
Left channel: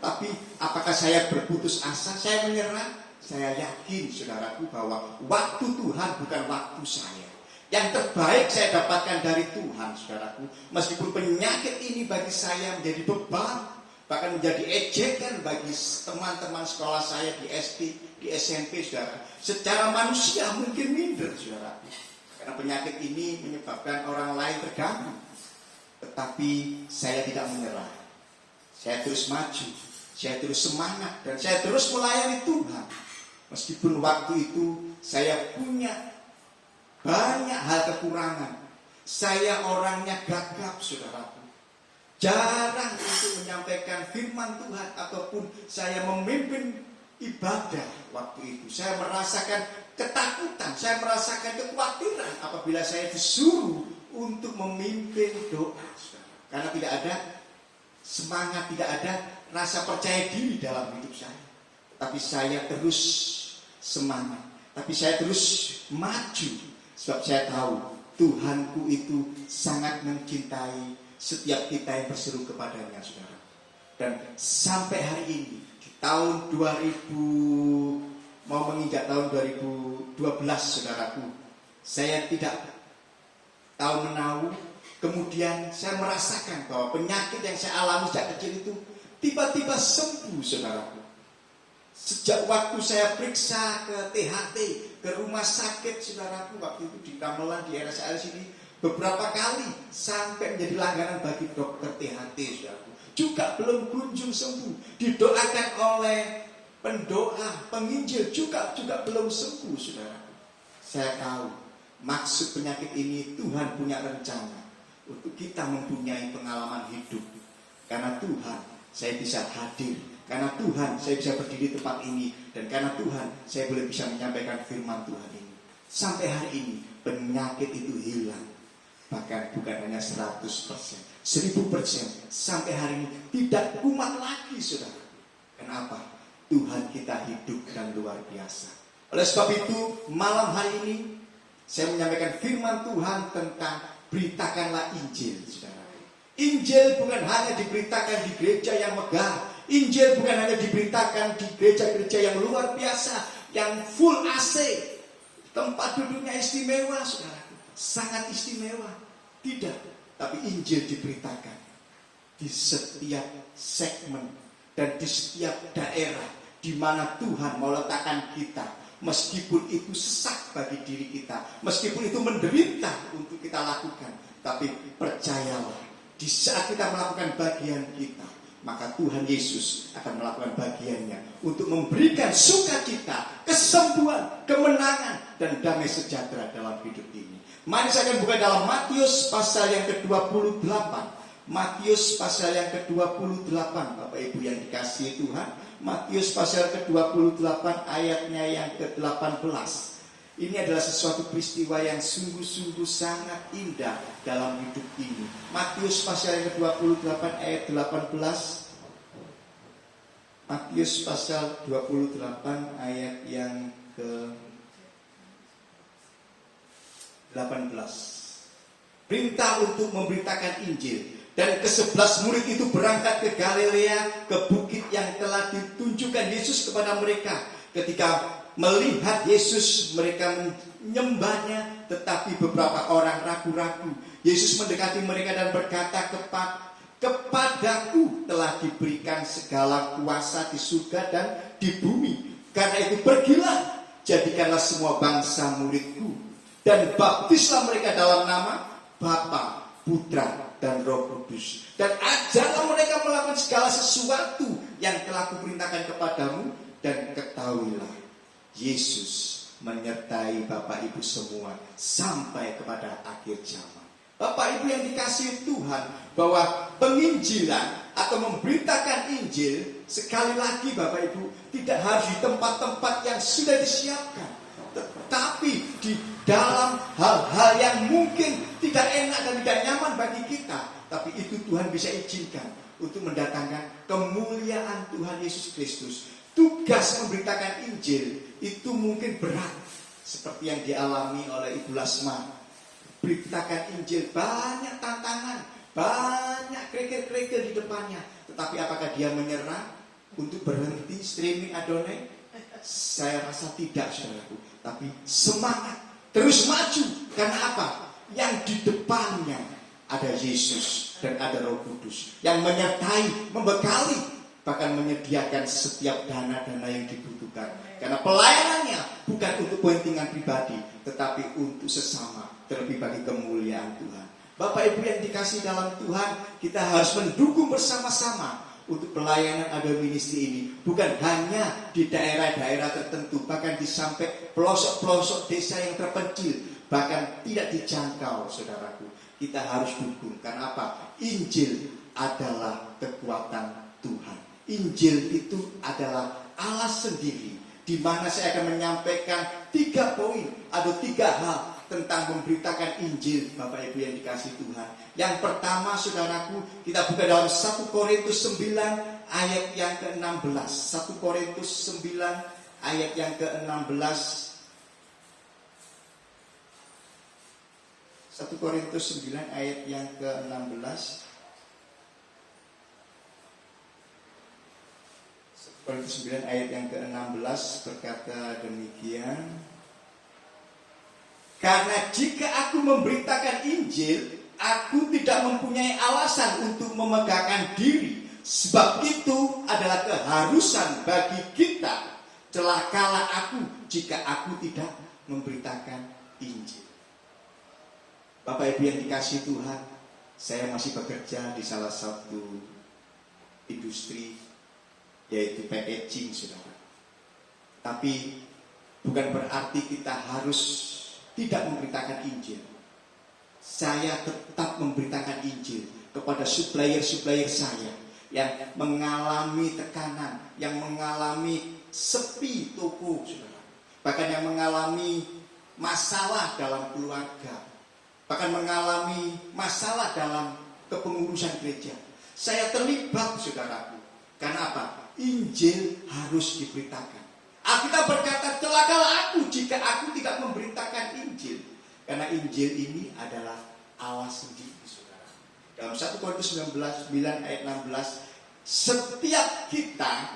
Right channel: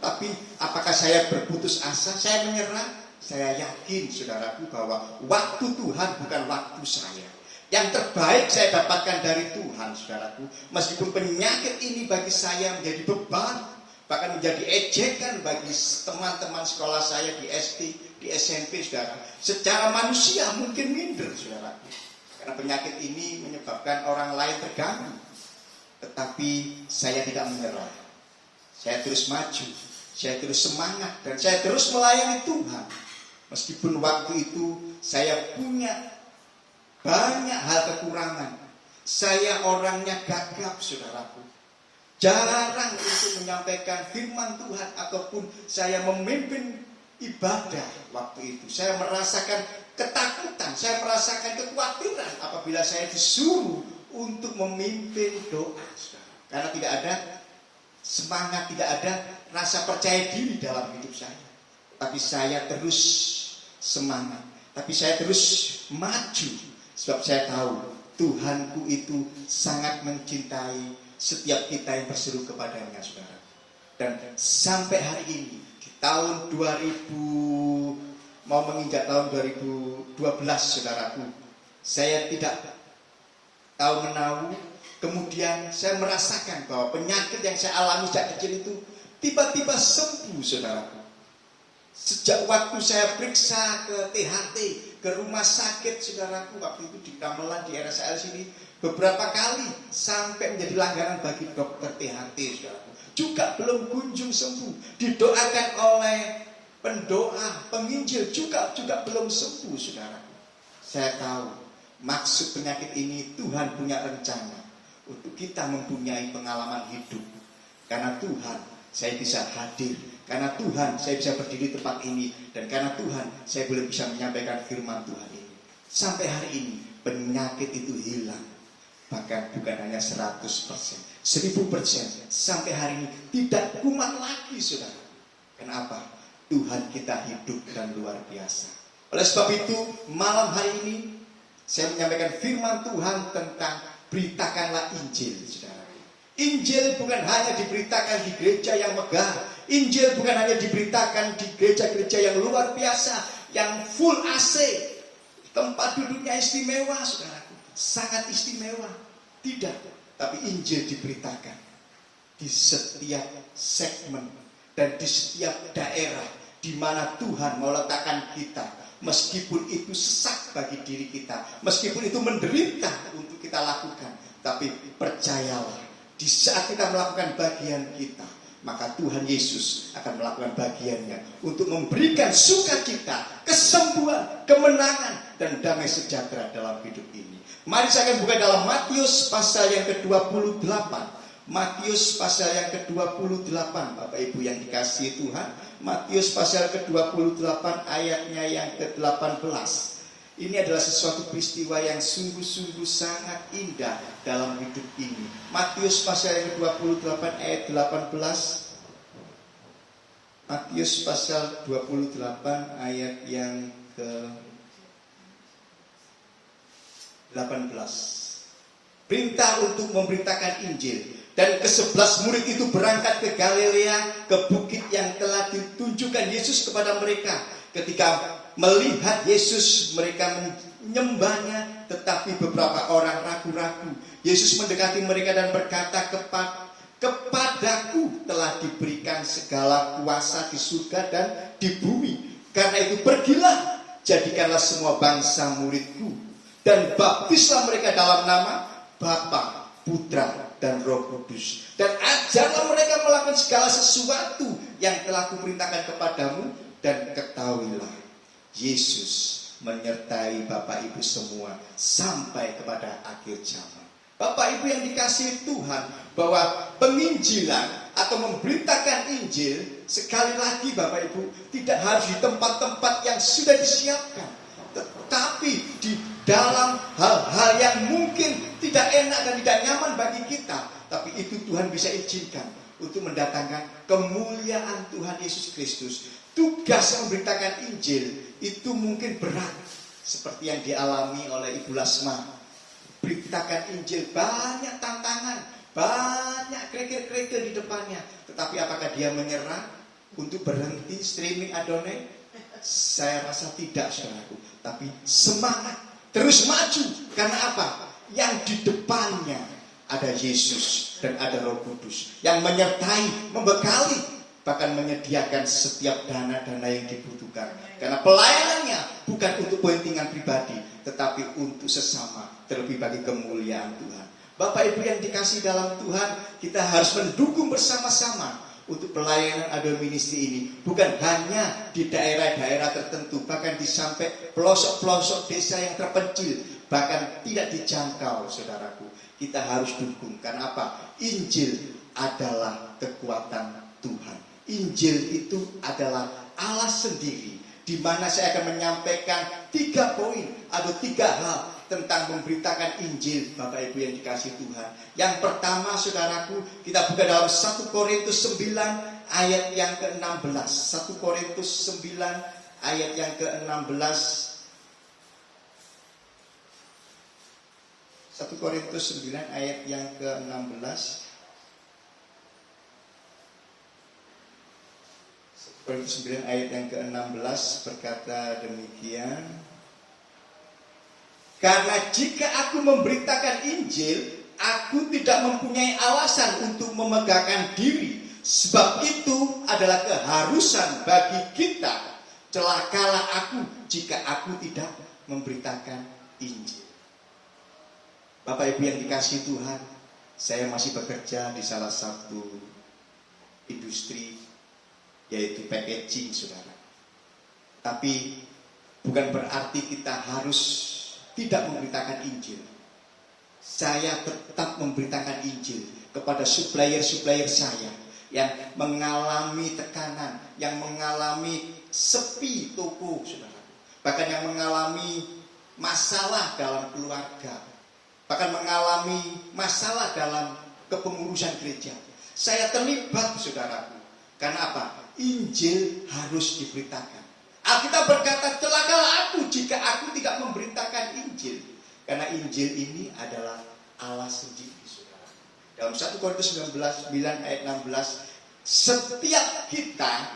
Tapi apakah saya berputus asa? Saya menyerah? Saya yakin, saudaraku, bahwa waktu Tuhan bukan waktu saya. Yang terbaik saya dapatkan dari Tuhan, saudaraku. Meskipun penyakit ini bagi saya menjadi beban, bahkan menjadi ejekan bagi teman-teman sekolah saya di SD, di SMP, saudara. Secara manusia mungkin minder, saudara. Karena penyakit ini menyebabkan orang lain terganggu. Tetapi saya tidak menyerah. Saya terus maju, saya terus semangat, dan saya terus melayani Tuhan. Meskipun waktu itu saya punya banyak hal kekurangan. Saya orangnya gagap, saudaraku. Jarang untuk menyampaikan firman Tuhan ataupun saya memimpin ibadah waktu itu. Saya merasakan ketakutan, saya merasakan kekhawatiran apabila saya disuruh untuk memimpin doa. Karena tidak ada semangat, tidak ada rasa percaya diri dalam hidup saya. Tapi saya terus semangat, tapi saya terus maju. Sebab saya tahu Tuhanku itu sangat mencintai setiap kita yang berseru kepadanya, saudara. Dan sampai hari ini di tahun 2000 mau menginjak tahun 2012 saudaraku, saya tidak tahu menahu. Kemudian saya merasakan bahwa penyakit yang saya alami sejak kecil itu tiba-tiba sembuh saudaraku. Sejak waktu saya periksa ke THT, ke rumah sakit saudaraku, waktu itu di Gamelan di RSL sini, beberapa kali sampai menjadi langganan bagi dokter THT saudaraku, juga belum kunjung sembuh. Didoakan oleh pendoa, penginjil juga belum sembuh saudaraku. Saya tahu maksud penyakit ini Tuhan punya rencana untuk kita mempunyai pengalaman hidup. Karena Tuhan saya bisa hadir, karena Tuhan saya bisa berdiri di tempat ini, dan karena Tuhan saya boleh bisa menyampaikan firman Tuhan ini. Sampai hari ini penyakit itu hilang. Bahkan bukan hanya 100%, 1000%. Sampai hari ini tidak kumat lagi saudara. Kenapa? Tuhan kita hidup dan luar biasa. Oleh sebab itu malam hari ini saya menyampaikan firman Tuhan tentang beritakanlah Injil saudara. Injil bukan hanya diberitakan di gereja yang megah. Injil bukan hanya diberitakan di gereja-gereja yang luar biasa, yang full AC, tempat duduknya istimewa saudaraku, sangat istimewa. Tidak, tapi Injil diberitakan di setiap segmen dan di setiap daerah di mana Tuhan meletakkan kita. Meskipun itu sesak bagi diri kita, meskipun itu menderita untuk kita lakukan, tapi percayalah, di saat kita melakukan bagian kita, maka Tuhan Yesus akan melakukan bagiannya untuk memberikan sukacita, kesembuhan, kemenangan, dan damai sejahtera dalam hidup ini. Mari saya akan buka dalam Matius pasal yang ke-28. Matius pasal yang ke-28, Bapak Ibu yang dikasihi Tuhan. Matius pasal ke-28 ayatnya yang ke-18. Ini adalah sesuatu peristiwa yang sungguh-sungguh sangat indah dalam hidup ini. Matius pasal yang ke-28 ayat 18. Matius pasal 28 ayat yang ke-18. Perintah untuk memberitakan Injil. Dan ke-11 murid itu berangkat ke Galilea, ke bukit yang telah ditunjukkan Yesus kepada mereka. Ketika melihat Yesus, mereka menyembahnya, tetapi beberapa orang ragu-ragu. Yesus mendekati mereka dan berkata, kepadaku telah diberikan segala kuasa di surga dan di bumi. Karena itu pergilah, jadikanlah semua bangsa muridku, dan baptislah mereka dalam nama Bapa, Putra, dan Roh Kudus. Dan ajarlah mereka melakukan segala sesuatu yang telah kuperintahkan kepadamu. Dan ketahuilah, Yesus menyertai Bapak Ibu semua sampai kepada akhir zaman. Bapak Ibu yang dikasihi Tuhan, bahwa penginjilan atau memberitakan Injil, sekali lagi Bapak Ibu, tidak harus di tempat-tempat yang sudah disiapkan, tetapi di dalam hal-hal yang mungkin tidak enak dan tidak nyaman bagi kita, tapi itu Tuhan bisa izinkan untuk mendatangkan kemuliaan Tuhan Yesus Kristus. Tugas memberitakan Injil itu mungkin berat, seperti yang dialami oleh Ibu Lasma. Beritakan Injil, banyak tantangan, banyak kerikil-kerikil di depannya. Tetapi apakah dia menyerah untuk berhenti streaming Adonai? Saya rasa tidak, saudaraku. Tapi semangat, terus maju. Karena apa? Yang di depannya ada Yesus dan ada Roh Kudus yang menyertai, membekali, bahkan menyediakan setiap dana-dana yang dibutuhkan. Karena pelayanannya bukan untuk kepentingan pribadi, tetapi untuk sesama, terlebih bagi kemuliaan Tuhan. Bapak Ibu yang dikasih dalam Tuhan, kita harus mendukung bersama-sama untuk pelayanan Adonai Ministry ini. Bukan hanya di daerah-daerah tertentu, bahkan di sampai pelosok-pelosok desa yang terpencil, bahkan tidak dijangkau, saudaraku. Kita harus dukung. Karena apa? Injil adalah kekuatan Tuhan. Injil itu adalah Allah sendiri, di mana saya akan menyampaikan 3 poin atau 3 hal tentang memberitakan Injil, Bapak Ibu yang dikasih Tuhan. Yang pertama, saudaraku, kita buka dalam 1 Korintus 9 ayat yang ke-16. 1 Korintus 9 ayat yang ke-16. 1 Korintus 9 ayat yang ke-16. Korintus 9 ayat yang ke-16 berkata demikian. Karena jika aku memberitakan Injil, aku tidak mempunyai alasan untuk memegahkan diri. Sebab itu adalah keharusan bagi kita. Celakalah aku jika aku tidak memberitakan Injil. Bapak Ibu yang dikasihi Tuhan, saya masih bekerja di salah satu industri, yaitu packaging, saudara. Tapi bukan berarti kita harus tidak memberitakan Injil. Saya tetap memberitakan Injil kepada supplier-supplier saya yang mengalami tekanan, yang mengalami sepi toko, saudara. Bahkan yang mengalami masalah dalam keluarga, bahkan mengalami masalah dalam kepengurusan gereja. Saya terlibat, saudaraku. Karena apa? Injil harus diberitakan. Alkitab berkata, celakalah aku jika aku tidak memberitakan Injil. Karena Injil ini adalah Allah sendiri, saudara. Dalam 1 Korintus 9 ayat 16, setiap kita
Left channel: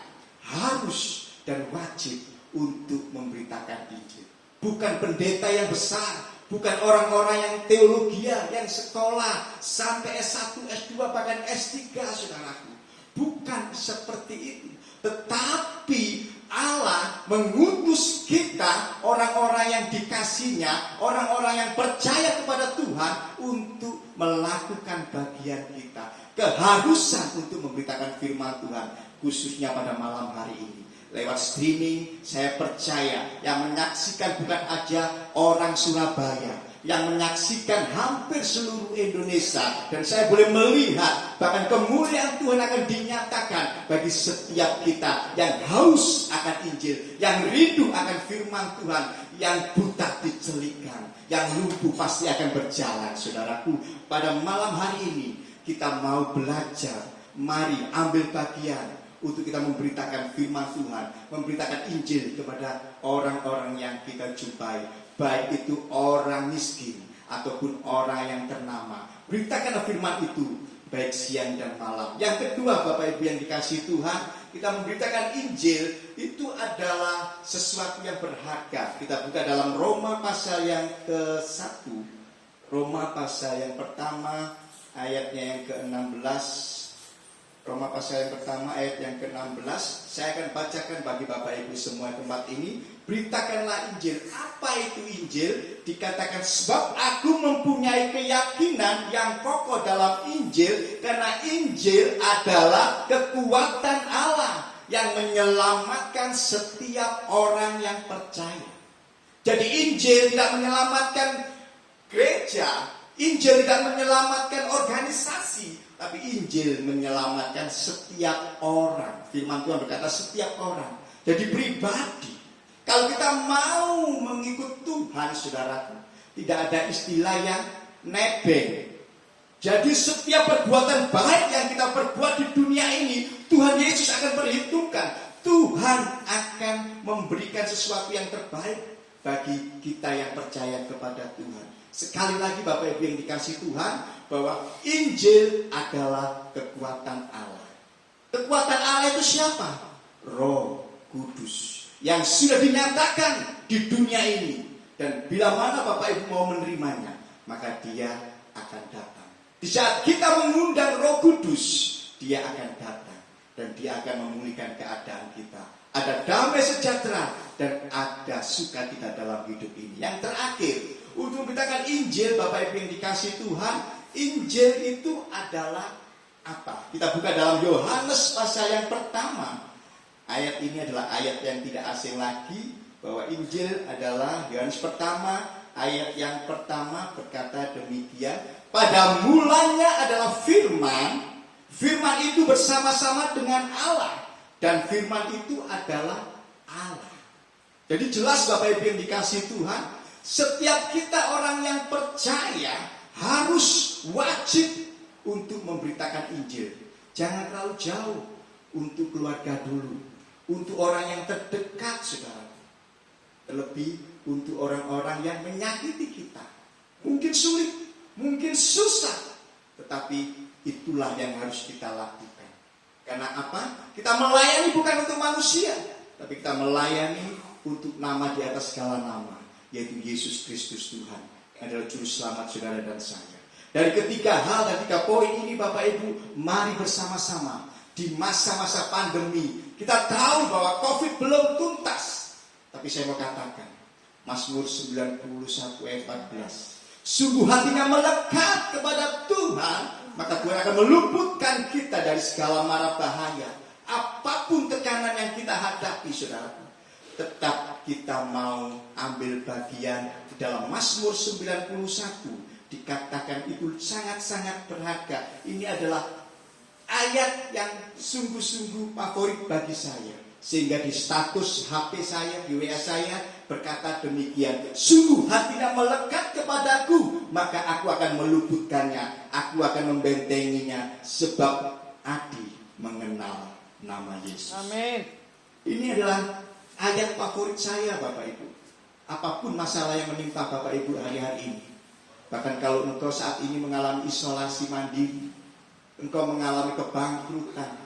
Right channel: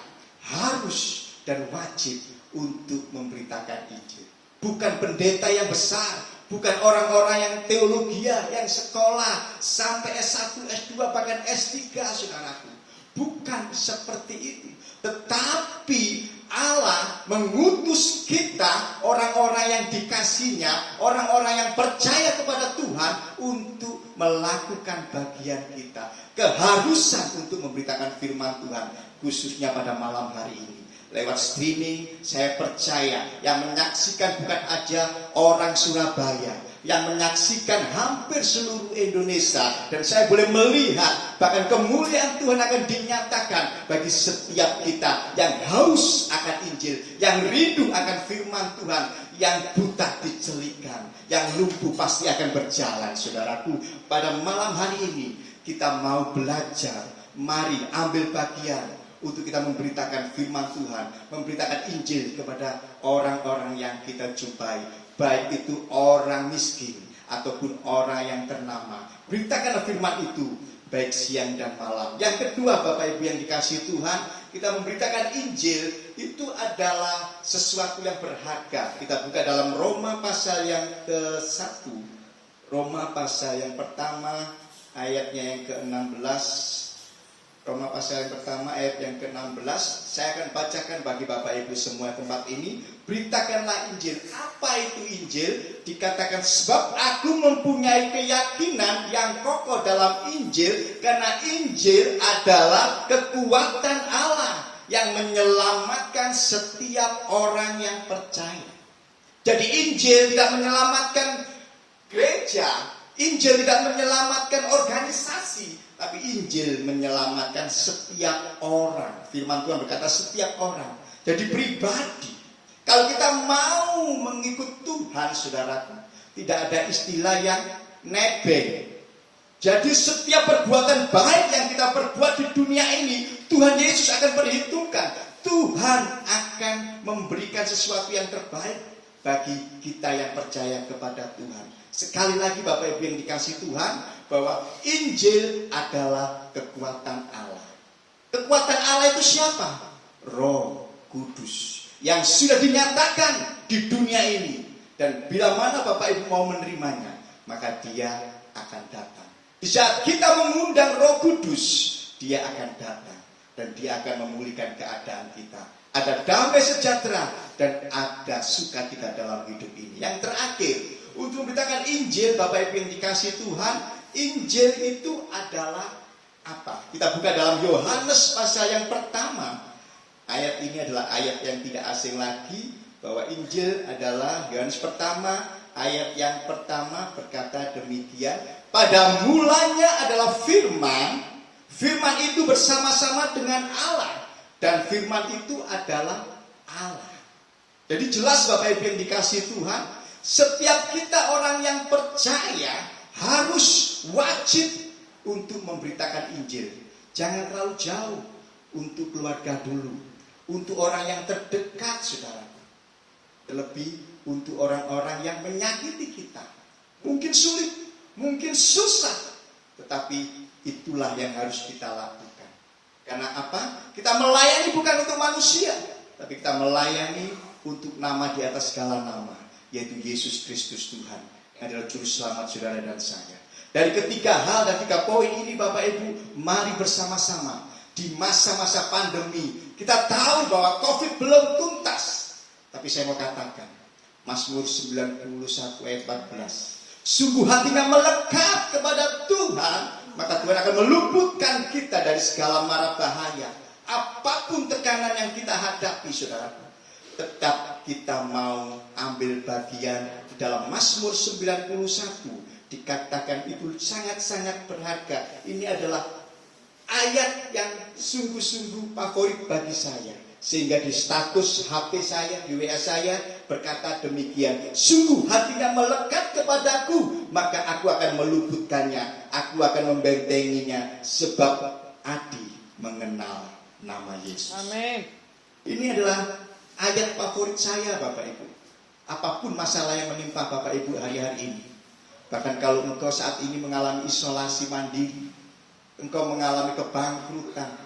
harus dan wajib untuk memberitakan Injil. Bukan pendeta yang besar, bukan orang-orang yang teologia, yang sekolah sampai S1, S2, bahkan S3, saudaraku. Bukan seperti itu. Tetapi Allah mengutus kita, orang-orang yang dikasihnya, orang-orang yang percaya kepada Tuhan, untuk melakukan bagian kita. Keharusan untuk memberitakan firman Tuhan, khususnya pada malam hari ini. Lewat streaming, saya percaya yang menyaksikan bukan aja orang Surabaya, yang menyaksikan hampir seluruh Indonesia. Dan saya boleh melihat bahkan kemuliaan Tuhan akan dinyatakan bagi setiap kita yang haus akan Injil, yang rindu akan firman Tuhan, yang buta dicelikan, yang lumpuh pasti akan berjalan. Saudaraku, pada malam hari ini kita mau belajar. Mari ambil bagian untuk kita memberitakan firman Tuhan, memberitakan Injil kepada orang-orang yang kita jumpai, baik itu orang miskin ataupun orang yang ternama. Beritakanlah firman itu baik siang dan malam. Yang kedua, Bapak Ibu yang dikasihi Tuhan, kita memberitakan Injil itu adalah sesuatu yang berharga. Kita buka dalam Roma pasal yang ke-1. Roma pasal yang pertama ayatnya yang ke-16. Roma pasal yang pertama ayat yang ke-16. Saya akan bacakan bagi Bapak Ibu semua tempat ini. Beritakanlah Injil. Apa itu Injil? Dikatakan, sebab aku mempunyai keyakinan yang kokoh dalam Injil, karena Injil adalah kekuatan Allah yang menyelamatkan setiap orang yang percaya. Jadi Injil tidak menyelamatkan gereja, Injil tidak menyelamatkan organisasi, tapi Injil menyelamatkan setiap orang. Firman Tuhan berkata setiap orang. Jadi pribadi. Kalau kita mau mengikut Tuhan, saudaraku, tidak ada istilah yang nebeng. Jadi setiap perbuatan baik yang kita perbuat di dunia ini, Tuhan Yesus akan perhitungkan. Tuhan akan memberikan sesuatu yang terbaik bagi kita yang percaya kepada Tuhan. Sekali lagi Bapak Ibu yang dikasihi Tuhan, bahwa Injil adalah kekuatan Allah. Kekuatan Allah itu siapa? Roh Kudus yang sudah dinyatakan di dunia ini. Dan bila mana Bapak Ibu mau menerimanya, maka dia akan datang. Di saat kita mengundang Roh Kudus, dia akan datang dan dia akan memulihkan keadaan kita. Ada damai sejahtera dan ada sukacita dalam hidup ini. Yang terakhir, untuk memberitakan Injil, Bapak Ibu yang dikasihi Tuhan, Injil itu adalah apa? Kita buka dalam Yohanes pasal yang pertama. Ayat ini adalah ayat yang tidak asing lagi, bahwa Injil adalah Yohanes pertama, ayat yang pertama berkata demikian. Pada mulanya adalah firman, firman itu bersama-sama dengan Allah, dan firman itu adalah Allah. Jadi jelas Bapak Ibu yang dikasihi Tuhan, setiap kita orang yang percaya harus wajib untuk memberitakan Injil. Jangan terlalu jauh, untuk keluarga dulu, untuk orang yang terdekat, saudara. Terlebih untuk orang-orang yang menyakiti kita. Mungkin sulit, mungkin susah, tetapi itulah yang harus kita lakukan. Karena apa? Kita melayani bukan untuk manusia, tapi kita melayani untuk nama di atas segala nama, yaitu Yesus Kristus Tuhan, yang adalah juru selamat saudara dan saya. Dari ketiga hal dan tiga poin ini Bapak Ibu, mari bersama-sama di masa-masa pandemi. Kita tahu bahwa COVID belum tuntas, tapi saya mau katakan Mazmur 91 ayat 14, sungguh hatinya melekat kepada Tuhan, maka Tuhan akan meluputkan kita dari segala mara bahaya. Apapun tekanan yang kita hadapi, saudaraku, tetap kita mau ambil bagian di dalam Mazmur 91. Dikatakan itu sangat-sangat berharga. Ini adalah ayat yang sungguh-sungguh favorit bagi saya. Sehingga di status HP saya, di WA saya berkata demikian, sungguh hatinya melekat kepadaku, maka aku akan meluputkannya, aku akan membentenginya, sebab Adi mengenal nama Yesus. Amin. Ini adalah ayat favorit saya Bapak Ibu. Apapun masalah yang menimpa Bapak Ibu hari-hari ini, bahkan kalau engkau saat ini mengalami isolasi mandiri, engkau mengalami kebangkrutan,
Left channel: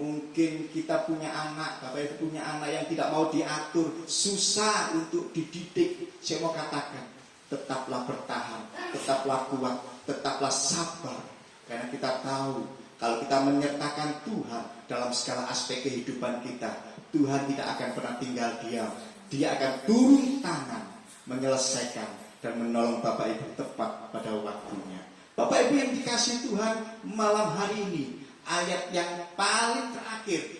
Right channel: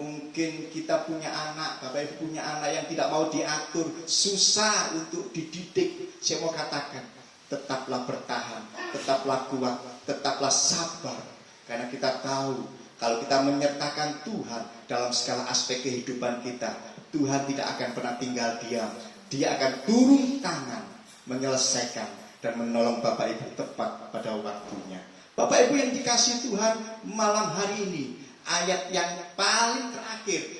mungkin kita punya anak, Bapak Ibu punya anak yang tidak mau diatur, susah untuk dididik. Saya mau katakan, tetaplah bertahan, tetaplah kuat, tetaplah sabar. Karena kita tahu, kalau kita menyertakan Tuhan dalam segala aspek kehidupan kita, Tuhan tidak akan pernah tinggal diam. Dia akan turun tangan, menyelesaikan dan menolong Bapak Ibu tepat pada waktunya. Bapak Ibu yang dikasihi Tuhan, malam hari ini ayat yang paling terakhir,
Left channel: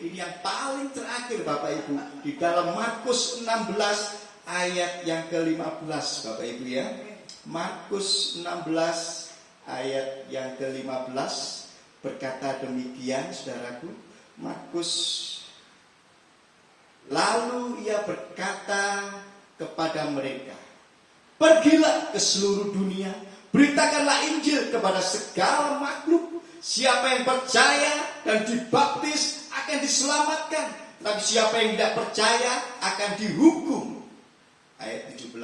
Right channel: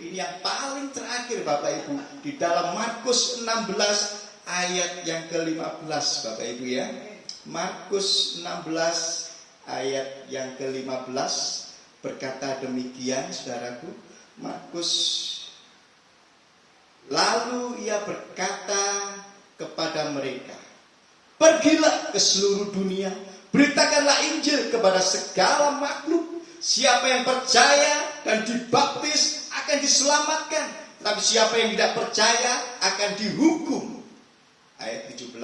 ini yang paling terakhir Bapak Ibu, di dalam Markus 16 ayat yang ke-15 Bapak Ibu ya. Markus 16 ayat yang ke-15 berkata demikian saudaraku. Markus, lalu ia berkata kepada mereka, pergilah ke seluruh dunia, beritakanlah Injil kepada segala makhluk. Siapa yang percaya dan dibaptis akan diselamatkan, tapi siapa yang tidak percaya akan dihukum. Ayat 17,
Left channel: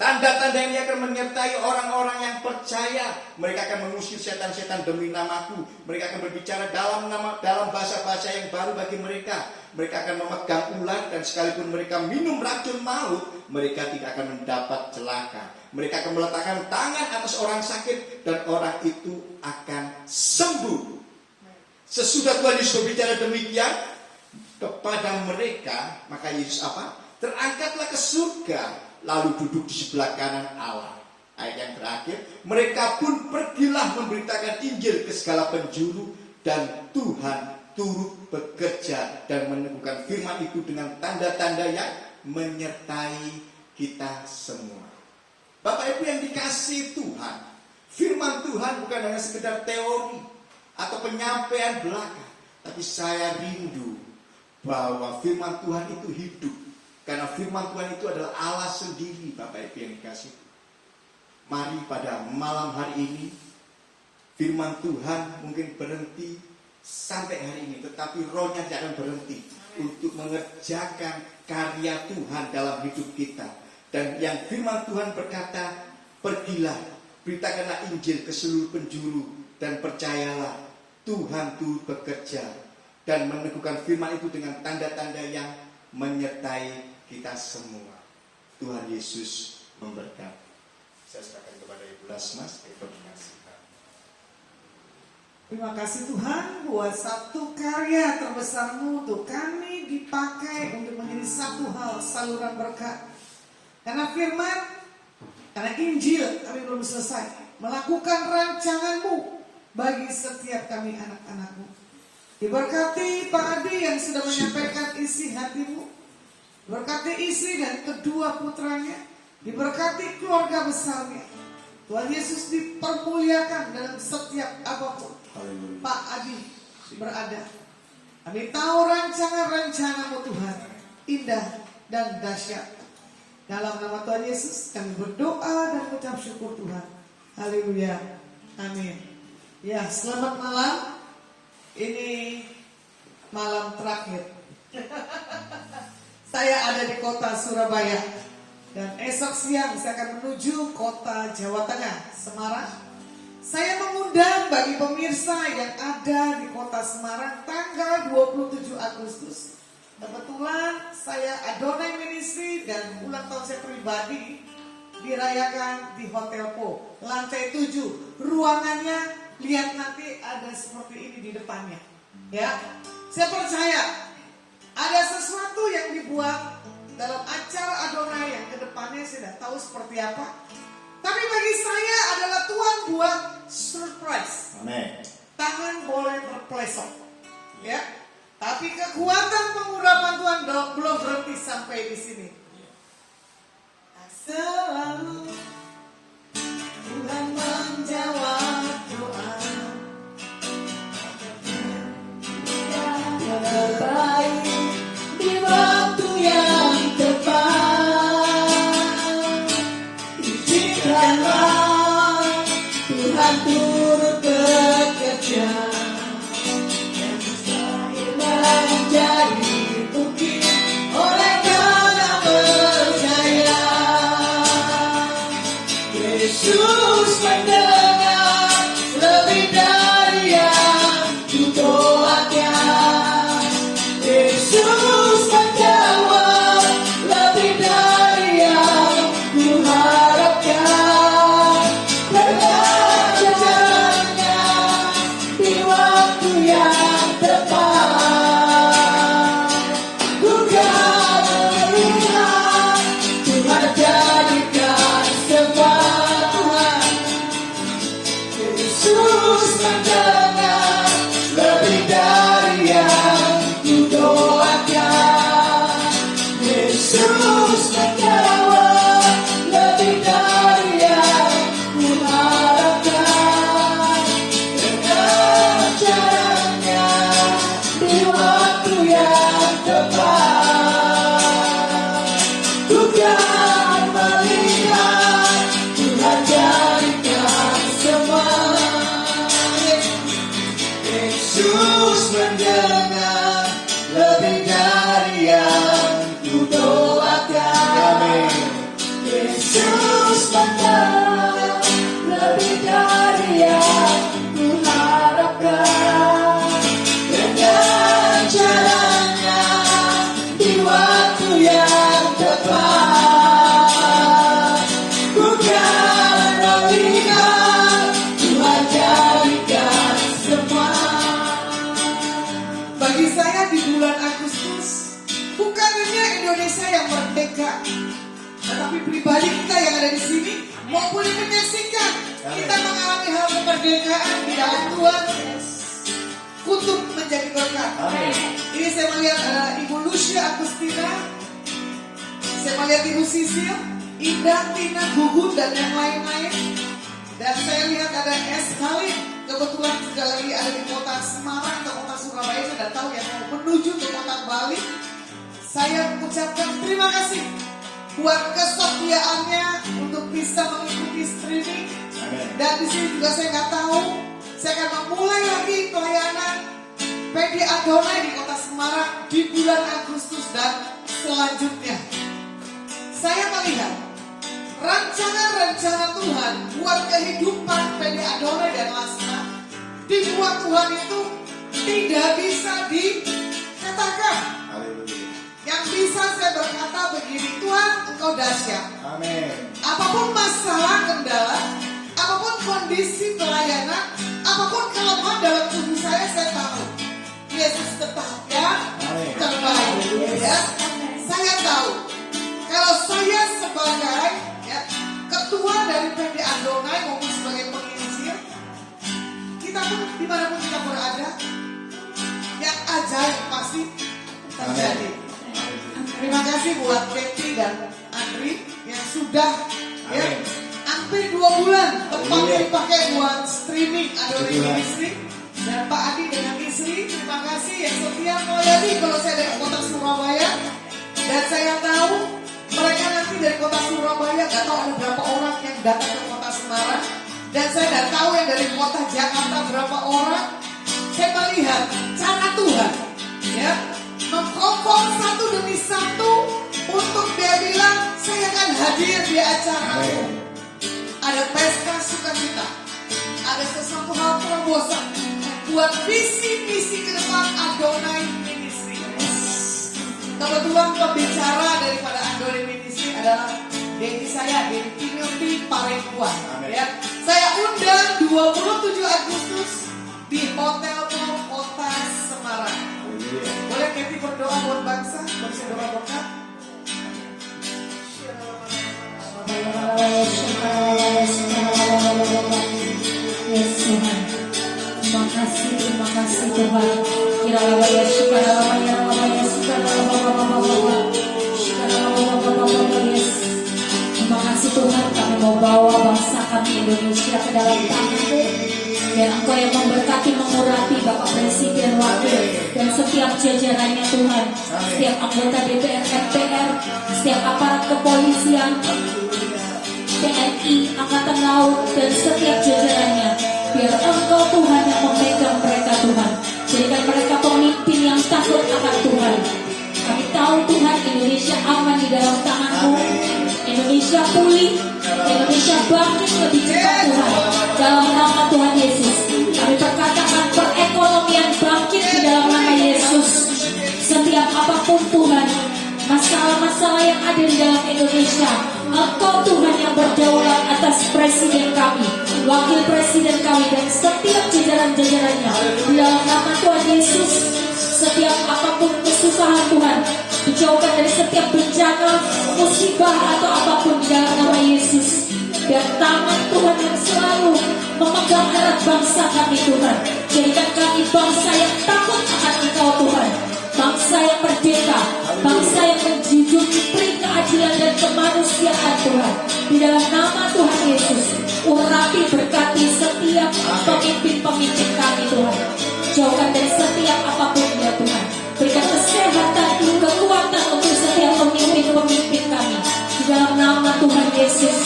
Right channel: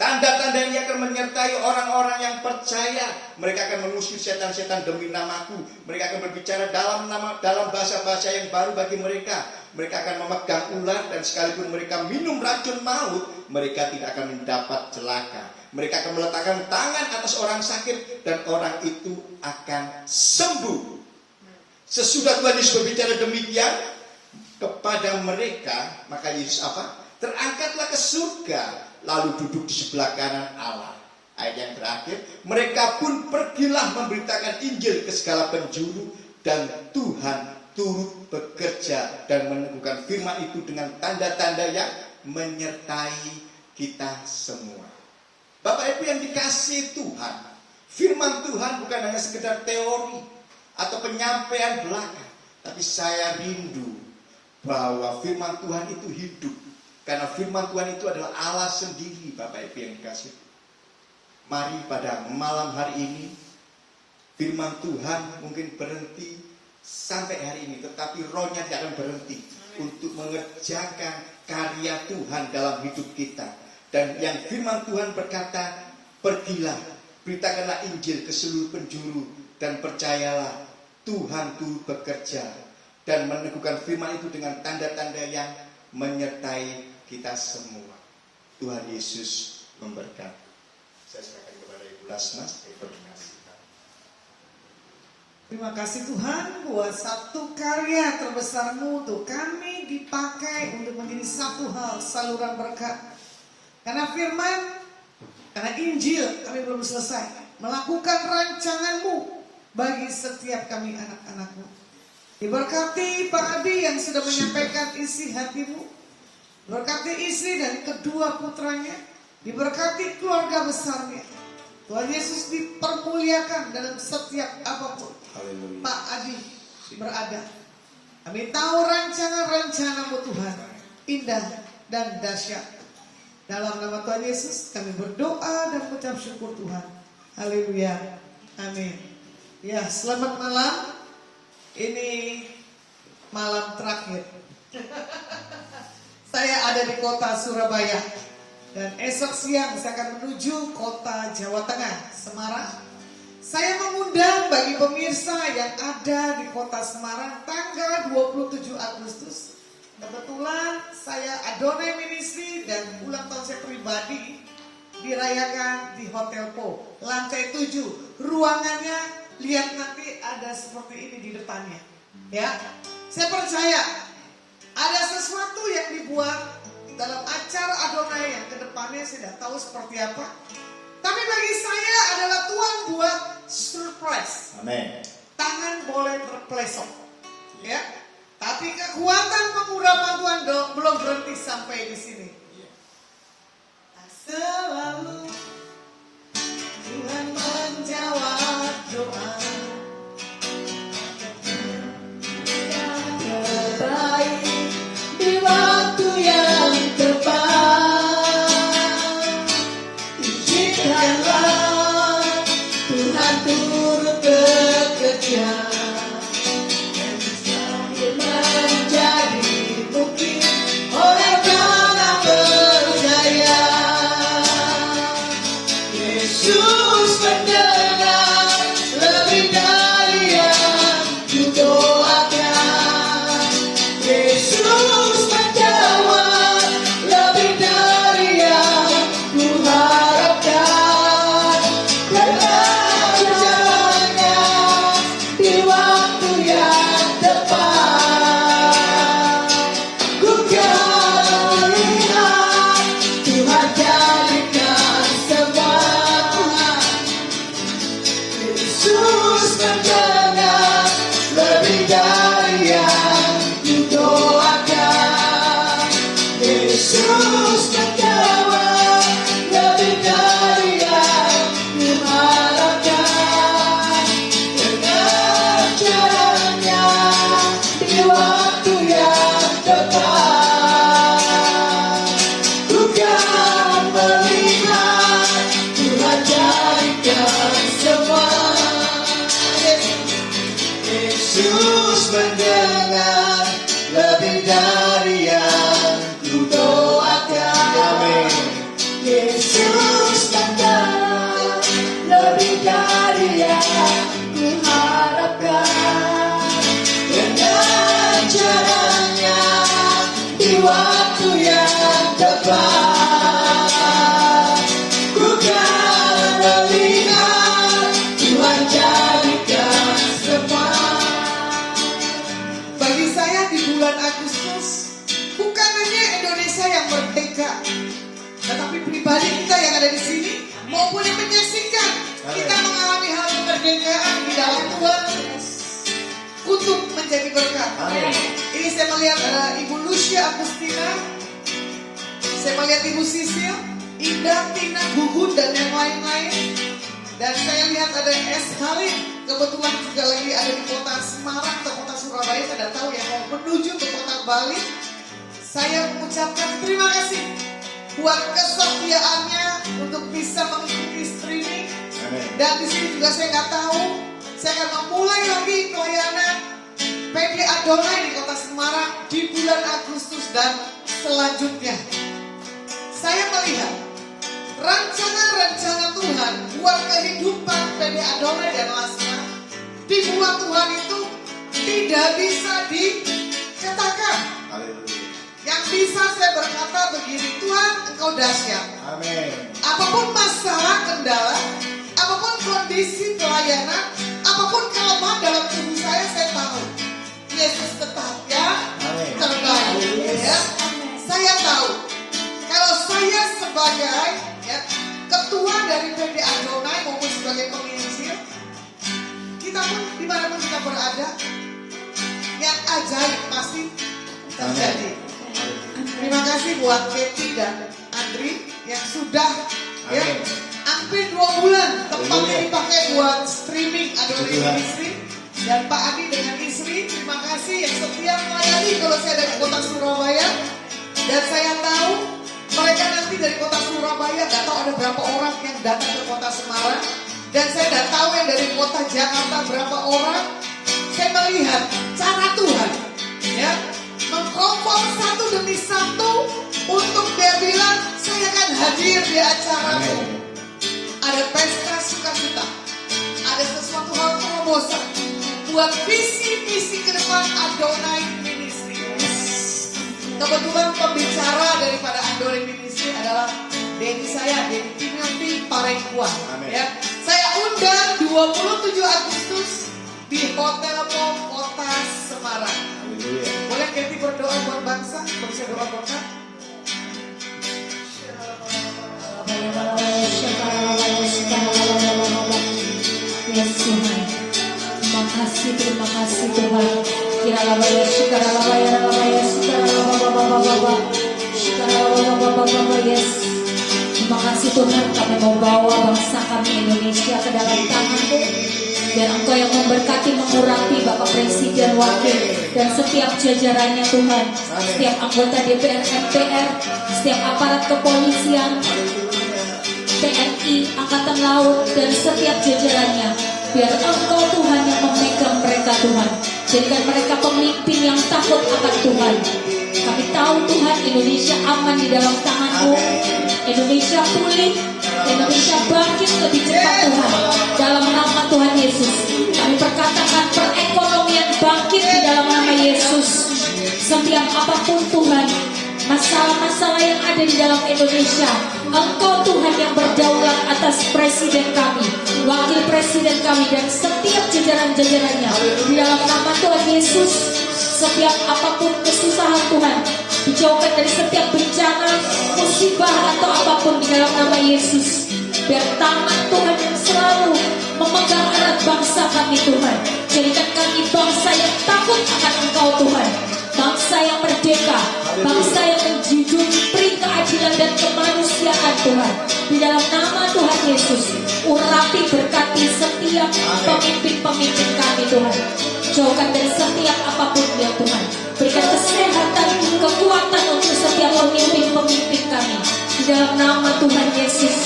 tanda-tanda ini akan menyertai orang-orang yang percaya. Mereka akan mengusir setan-setan demi namaku. Mereka akan berbicara dalam bahasa-bahasa yang baru bagi mereka. Mereka akan memegang ular, dan sekalipun mereka minum racun maut, mereka tidak akan mendapat celaka. Mereka akan meletakkan tangan atas orang sakit, dan orang itu akan sembuh. Sesudah Tuhan Yesus berbicara demikian kepada mereka, maka Yesus apa? Terangkatlah ke surga, lalu duduk di sebelah kanan Allah. Ayat yang terakhir, mereka pun pergilah memberitakan Injil ke segala penjuru, dan Tuhan turut bekerja dan meneguhkan firman itu dengan tanda-tanda yang menyertai kita semua. Bapak Ibu yang dikasihi Tuhan, firman Tuhan bukan hanya sekedar teori atau penyampaian belaka, tapi saya rindu bahwa firman Tuhan itu hidup. Karena firman Tuhan itu adalah Allah sendiri, Bapak Ibu yang dikasihi. Mari pada malam hari ini, firman Tuhan mungkin berhenti sampai hari ini, tetapi rohnya tidak akan berhenti untuk mengerjakan karya Tuhan dalam hidup kita. Dan yang firman Tuhan berkata, pergilah, beritakanlah Injil ke seluruh penjuru, dan percayalah Tuhan turut bekerja dan meneguhkan firman itu dengan tanda-tanda yang menyertai kita semua. Tuhan Yesus memberkati. Saya serahkan kepada Ibu Lasmas, koordinasi. Terima kasih Tuhan buat satu karya terbesar-Mu untuk kami dipakai untuk menjadi satu hal saluran berkat. Karena firman, karena Injil kami belum selesai melakukan rancangan-Mu bagi setiap kami anak-anak-Mu. Diberkati Pak Adi yang sudah menyampaikan isi hati-Mu. Diberkati istri dan kedua putranya. Diberkati keluarga besarnya. Tuhan Yesus dipermuliakan dalam setiap apapun Pak Adi berada. Kami tahu rancangan-rencana-Mu Tuhan indah dan dahsyat. Dalam nama Tuhan Yesus kami berdoa dan mengucap syukur Tuhan. Haleluya. Amin. Ya, selamat malam. Ini malam terakhir. Saya ada di kota Surabaya. Dan esok siang saya akan menuju kota Jawa Tengah, Semarang. Saya mengundang bagi pemirsa yang ada di kota Semarang tanggal 27 Agustus. Kebetulan saya Adonai Ministry dan ulang tahun saya pribadi dirayakan di Hotel Po, lantai 7. Ruangannya lihat nanti ada seperti ini di depannya. Ya, saya percaya ada sesuatu yang dibuat dalam acara Adonai yang kedepannya saya tidak tahu seperti apa. Tapi bagi saya adalah Tuhan buat surprise. Amin. Tangan boleh terpelesok, ya. Tapi kekuatan pengurapan Tuhan belum berhenti sampai di sini. Selalu Tuhan menjawab doa. Terbaik di waktu yang tepat. Izinkanlah Tuhan turut bekerja. Yang mustahil menjadi mungkin oleh karena percaya. Yesus mendengar lebih dari yang kudoakan. Yesus menjawab lebih dari yang kuharapkan. Dengan jalannya di waktu yang tepat, ku kan melihat Tuhan jadikan semua. Yesus mendengar lebih dari yang kudoakan. Yesus menjawab lebih dari yang kuharapkan. Dengan caranya di waktu yang tepat, ku kan melihat Tuhan jadikan semua. Yesus mendengar lebih dari yang kudoakan. Amin. Yesus mendengar lebih dari yang kuharapkan. Dengan caranya di waktu yang tepat, ku kan melihat Tuhan jadikan semua. Bagi saya di bulan Agustus bukan hanya Indonesia yang merdeka, tetapi pribadi kita yang ada di sini maupun yang menyaksikan, kita mengalami hal kemerdekaan di dalam Tuhan untuk menjadi berkat. Amin. Ini saya melihat ada Ibu Lucia Agustina, saya melihat Ibu Sisil, Indah, Tina, Gugun dan yang lain-lain. Dan saya lihat ada S. Khalid, kebetulan juga lagi ada di kota Semarang atau kota Surabaya, saya tidak tahu ya, mau menuju ke kota Bali. Saya mengucapkan terima kasih buat kesetiaannya untuk bisa mengikuti streaming. Amin. Dan di sini juga saya nggak tahu, saya akan memulai lagi pelayanan PD Adonai di kota Semarang di bulan Agustus dan selanjutnya. Saya melihat rencana-rencana Tuhan buat kehidupan PD Adonai dan Lasma dibuat Tuhan itu tidak bisa dikatakan. Haleluya. Yang bisa saya berkata begini, Tuhan Engkau dahsyat. Amin. Apapun masalah, kendala, apapun kondisi pelayanan, apapun kelemahan dalam tubuh saya tahu Yesus tetap ya Amin. terbaik. Ya. Saya tahu kalau saya sebagai ya, ketua dari PD Adonai maupun sebagai penginjil, kita pun dimanapun kita berada, yang ajaib pasti terjadi. Terima kasih buat Keti dan Andri yang sudah ya Amin. hampir 2 bulan tempat Haleluya. ini dipakai buat streaming Adonai Puji Tuhan. Ministry. Dan Pak Adi dengan istri, terima kasih yang setia melayani kalau saya dari kota Surabaya. Dan saya tahu mereka nanti dari kota Surabaya nggak tahu ada berapa orang yang datang ke kota Semarang. Dan saya tidak tahu yang dari kota Jakarta berapa orang. Saya melihat cara Tuhan ya mengkompor satu demi satu untuk dia bilang saya akan hadir di acaramu. Amin. Ada pesta sukacita, ada ada sesuatu hal terobosan buat visi-misi ke depan Adonai Ministry. Kebetulan pembicara daripada Adonai Ministry adalah Dedi saya, Dedi Timothy Parengkuan. Ya. Saya undang 27 Agustus di Hotel Mall Kota Semarang. Boleh Kathy berdoa buat bangsa, berdoa berkat. Yes Tuhan, terima kasih Tuhan. Kiralawaya syukaralawaya lalawaya syukaralawaya yes. Terima kasih Tuhan, kami mau bawa bangsa kami Indonesia ke dalam tangan-Mu. Dan Engkau yang memberkati, mengurapi Bapak Presiden, Wakil, dan setiap jajarannya Tuhan. Setiap anggota DPR, MPR, setiap aparat kepolisian, TNI, Angkatan Laut, dan setiap jajarannya. Biar Engkau Tuhan yang memegang mereka Tuhan. Jadikan mereka pemimpin yang takut akan Tuhan. Kami tahu Tuhan Indonesia aman di dalam tangan-Mu. Indonesia pulih, Indonesia bangkit lebih cepat Tuhan. Dalam nama Tuhan Yesus, kami perkatakan perekonomian bangkit di dalam nama Yesus. Setiap apapun Tuhan, masalah-masalah yang ada di dalam Indonesia, Engkau Tuhan yang berdaulat atas presiden kami, wakil presiden kami, dan setiap jajaran-jajarannya. Di dalam nama Tuhan Yesus, setiap apapun kesusahan Tuhan, dijauhkan dari setiap bencana, musibah atau apapun di dalam nama Yesus. Biar tangan Tuhan yang selalu memegang erat bangsa kami Tuhan. Jadikan kami bangsa yang takut akan Engkau Tuhan. Bangsa yang merdeka, bangsa yang menjunjung peri keadilan dan kemanusiaan Tuhan. Di dalam nama Tuhan Yesus, urapi berkati setiap pemimpin-pemimpin kami Tuhan. Jauhkan dari setiap apapun ya Tuhan. Berikan kesehatan, kekuatan untuk setiap pemimpin-pemimpin kami. Di dalam nama Tuhan Yesus,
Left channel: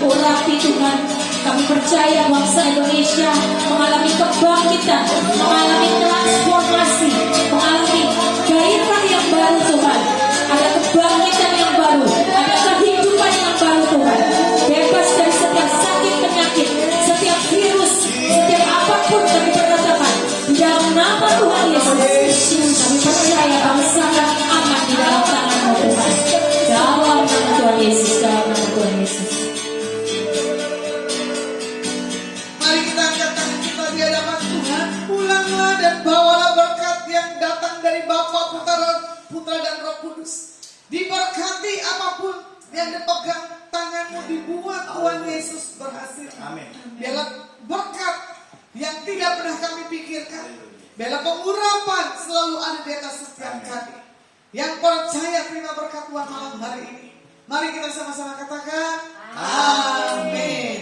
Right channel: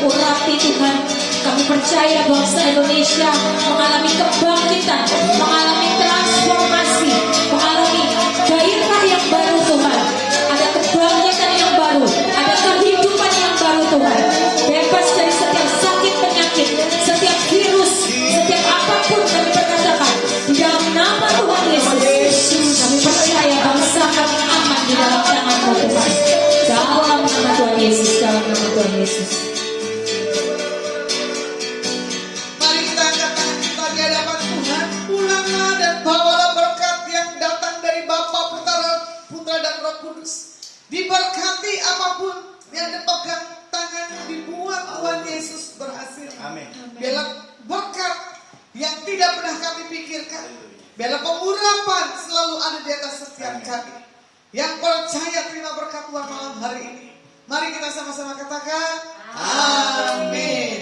urapi Tuhan. Kami percaya bangsa Indonesia mengalami kebangkitan, mengalami transformasi, mengalami gairah yang baru Tuhan. Ada kebangkitan yang baru, ada kehidupan yang baru Tuhan. Bebas dari setiap sakit penyakit, setiap virus, setiap apapun kami perkatakan. Di dalam nama Tuhan Yesus, kami percaya bangsa kami aman di dalam tangan-Mu Tuhan. Dalam nama Tuhan Yesus, dalam nama Tuhan Yesus. Mari kita angkat tangan kita di hadapan Tuhan. Pulanglah dan bawalah berkat yang datang dari Bapa, Putra dan Roh Kudus. Diberkati apapun yang dipegang tanganmu, dibuat Tuhan Yesus berhasil. Amin. Biarlah berkat yang tidak pernah kami pikirkan. Biarlah pengurapan selalu ada di atas setiap kami. Yang percaya terima berkat Tuhan malam hari ini. Mari kita sama-sama katakan amin.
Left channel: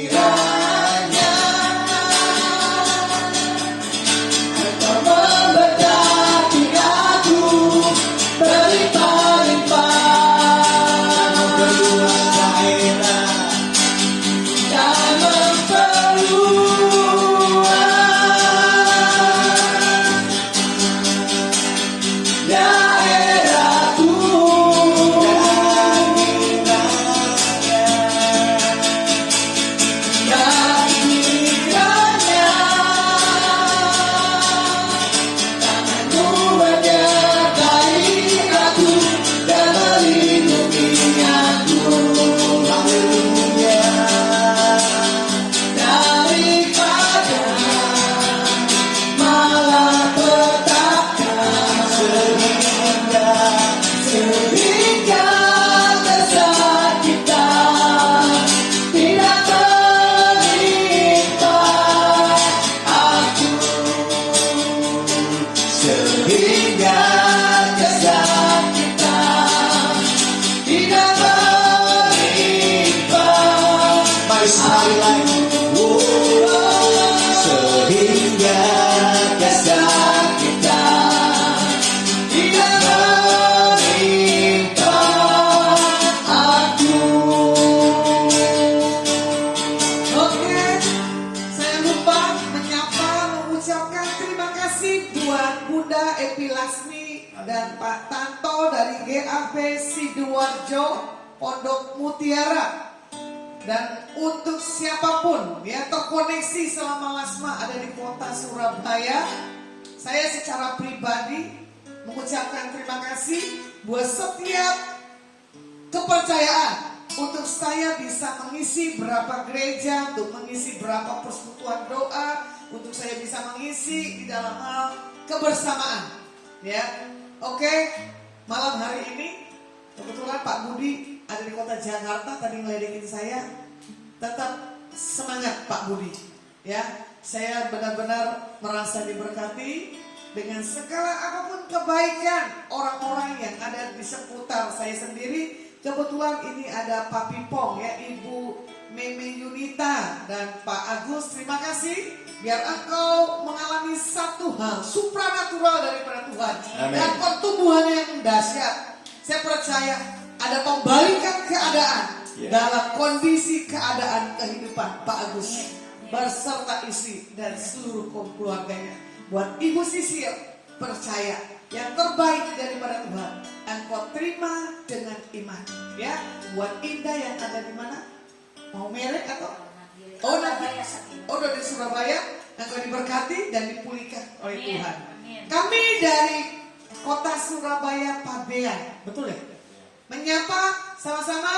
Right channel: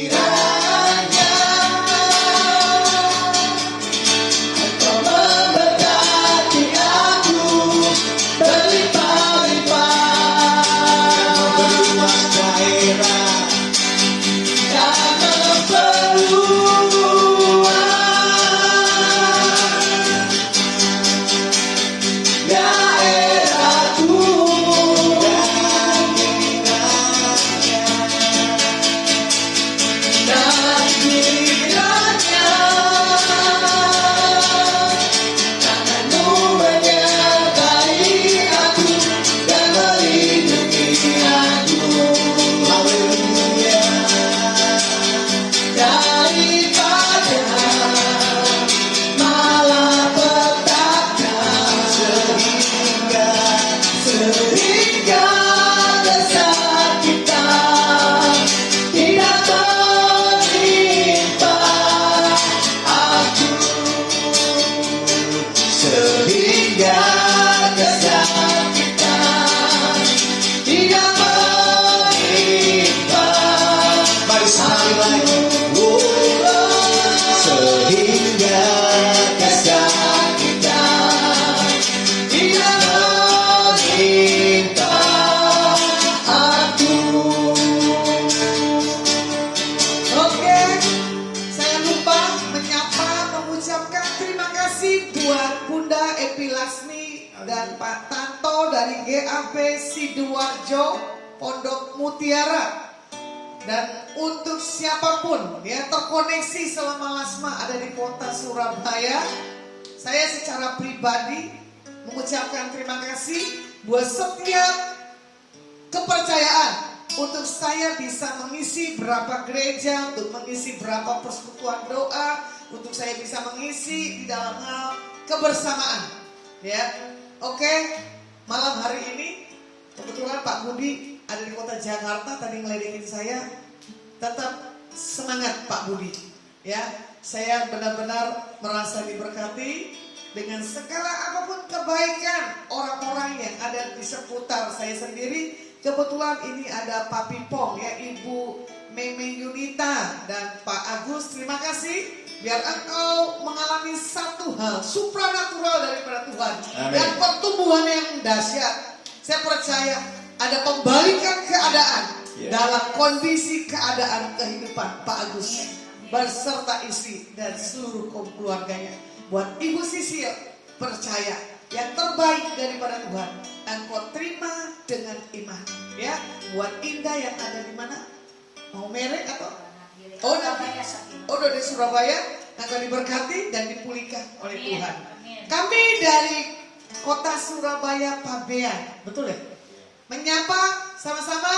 Kiranya Engkau memberkati aku berlimpah-limpah, Berluas daerah dan memperluas daerahku dan kiranya tanganmu menyertai aku dan melindungi aku. Haleluya. Daripada malapetaka Sehingga sehingga kesakitan tidak menimpa aku, sehingga kesakitan tidak menimpa. mari sekali lagi. Sehingga Kesakitan tidak menimpa aku. Oke, saya lupa mengucapkan terima kasih buat Bunda Epi Lasmi dan Pak Tanto dari GAP Sidoarjo Pondok Mutiara. Dan untuk siapapun ya terkoneksi selama Lasma ada di kota Surabaya, saya secara pribadi mengucapkan terima kasih buat setiap kepercayaan untuk saya bisa mengisi berapa gereja, untuk mengisi berapa persekutuan doa, untuk saya bisa mengisi di dalam hal kebersamaan. Ya, oke. Malam hari ini kebetulan Pak Budi ada di kota Jakarta, tadi ngeledekin saya. Tetap semangat Pak Budi. Ya, saya benar-benar merasa diberkati dengan segala apapun kebaikan orang-orang yang ada di seputar saya sendiri. Kebetulan ini ada Pak Pipong ya, Ibu Meme Yunita dan Pak Agus. Terima kasih. Biar engkau mengalami satu hal supranatural daripada Tuhan. Amin. Dan pertumbuhan yang dahsyat. Saya percaya ada pembalikan keadaan dalam kondisi keadaan kehidupan Pak Agus berserta istri dan seluruh keluarganya. Buat Ibu Sisil, percaya yang terbaik daripada Tuhan engkau terima dengan iman. Ya, buat Indah yang ada di mana? Mau merek atau? Oh, dari Surabaya akan diberkati dan dipulihkan oleh Tuhan. Kami dari kota Surabaya Pabean, betul ya? Menyapa sama-sama.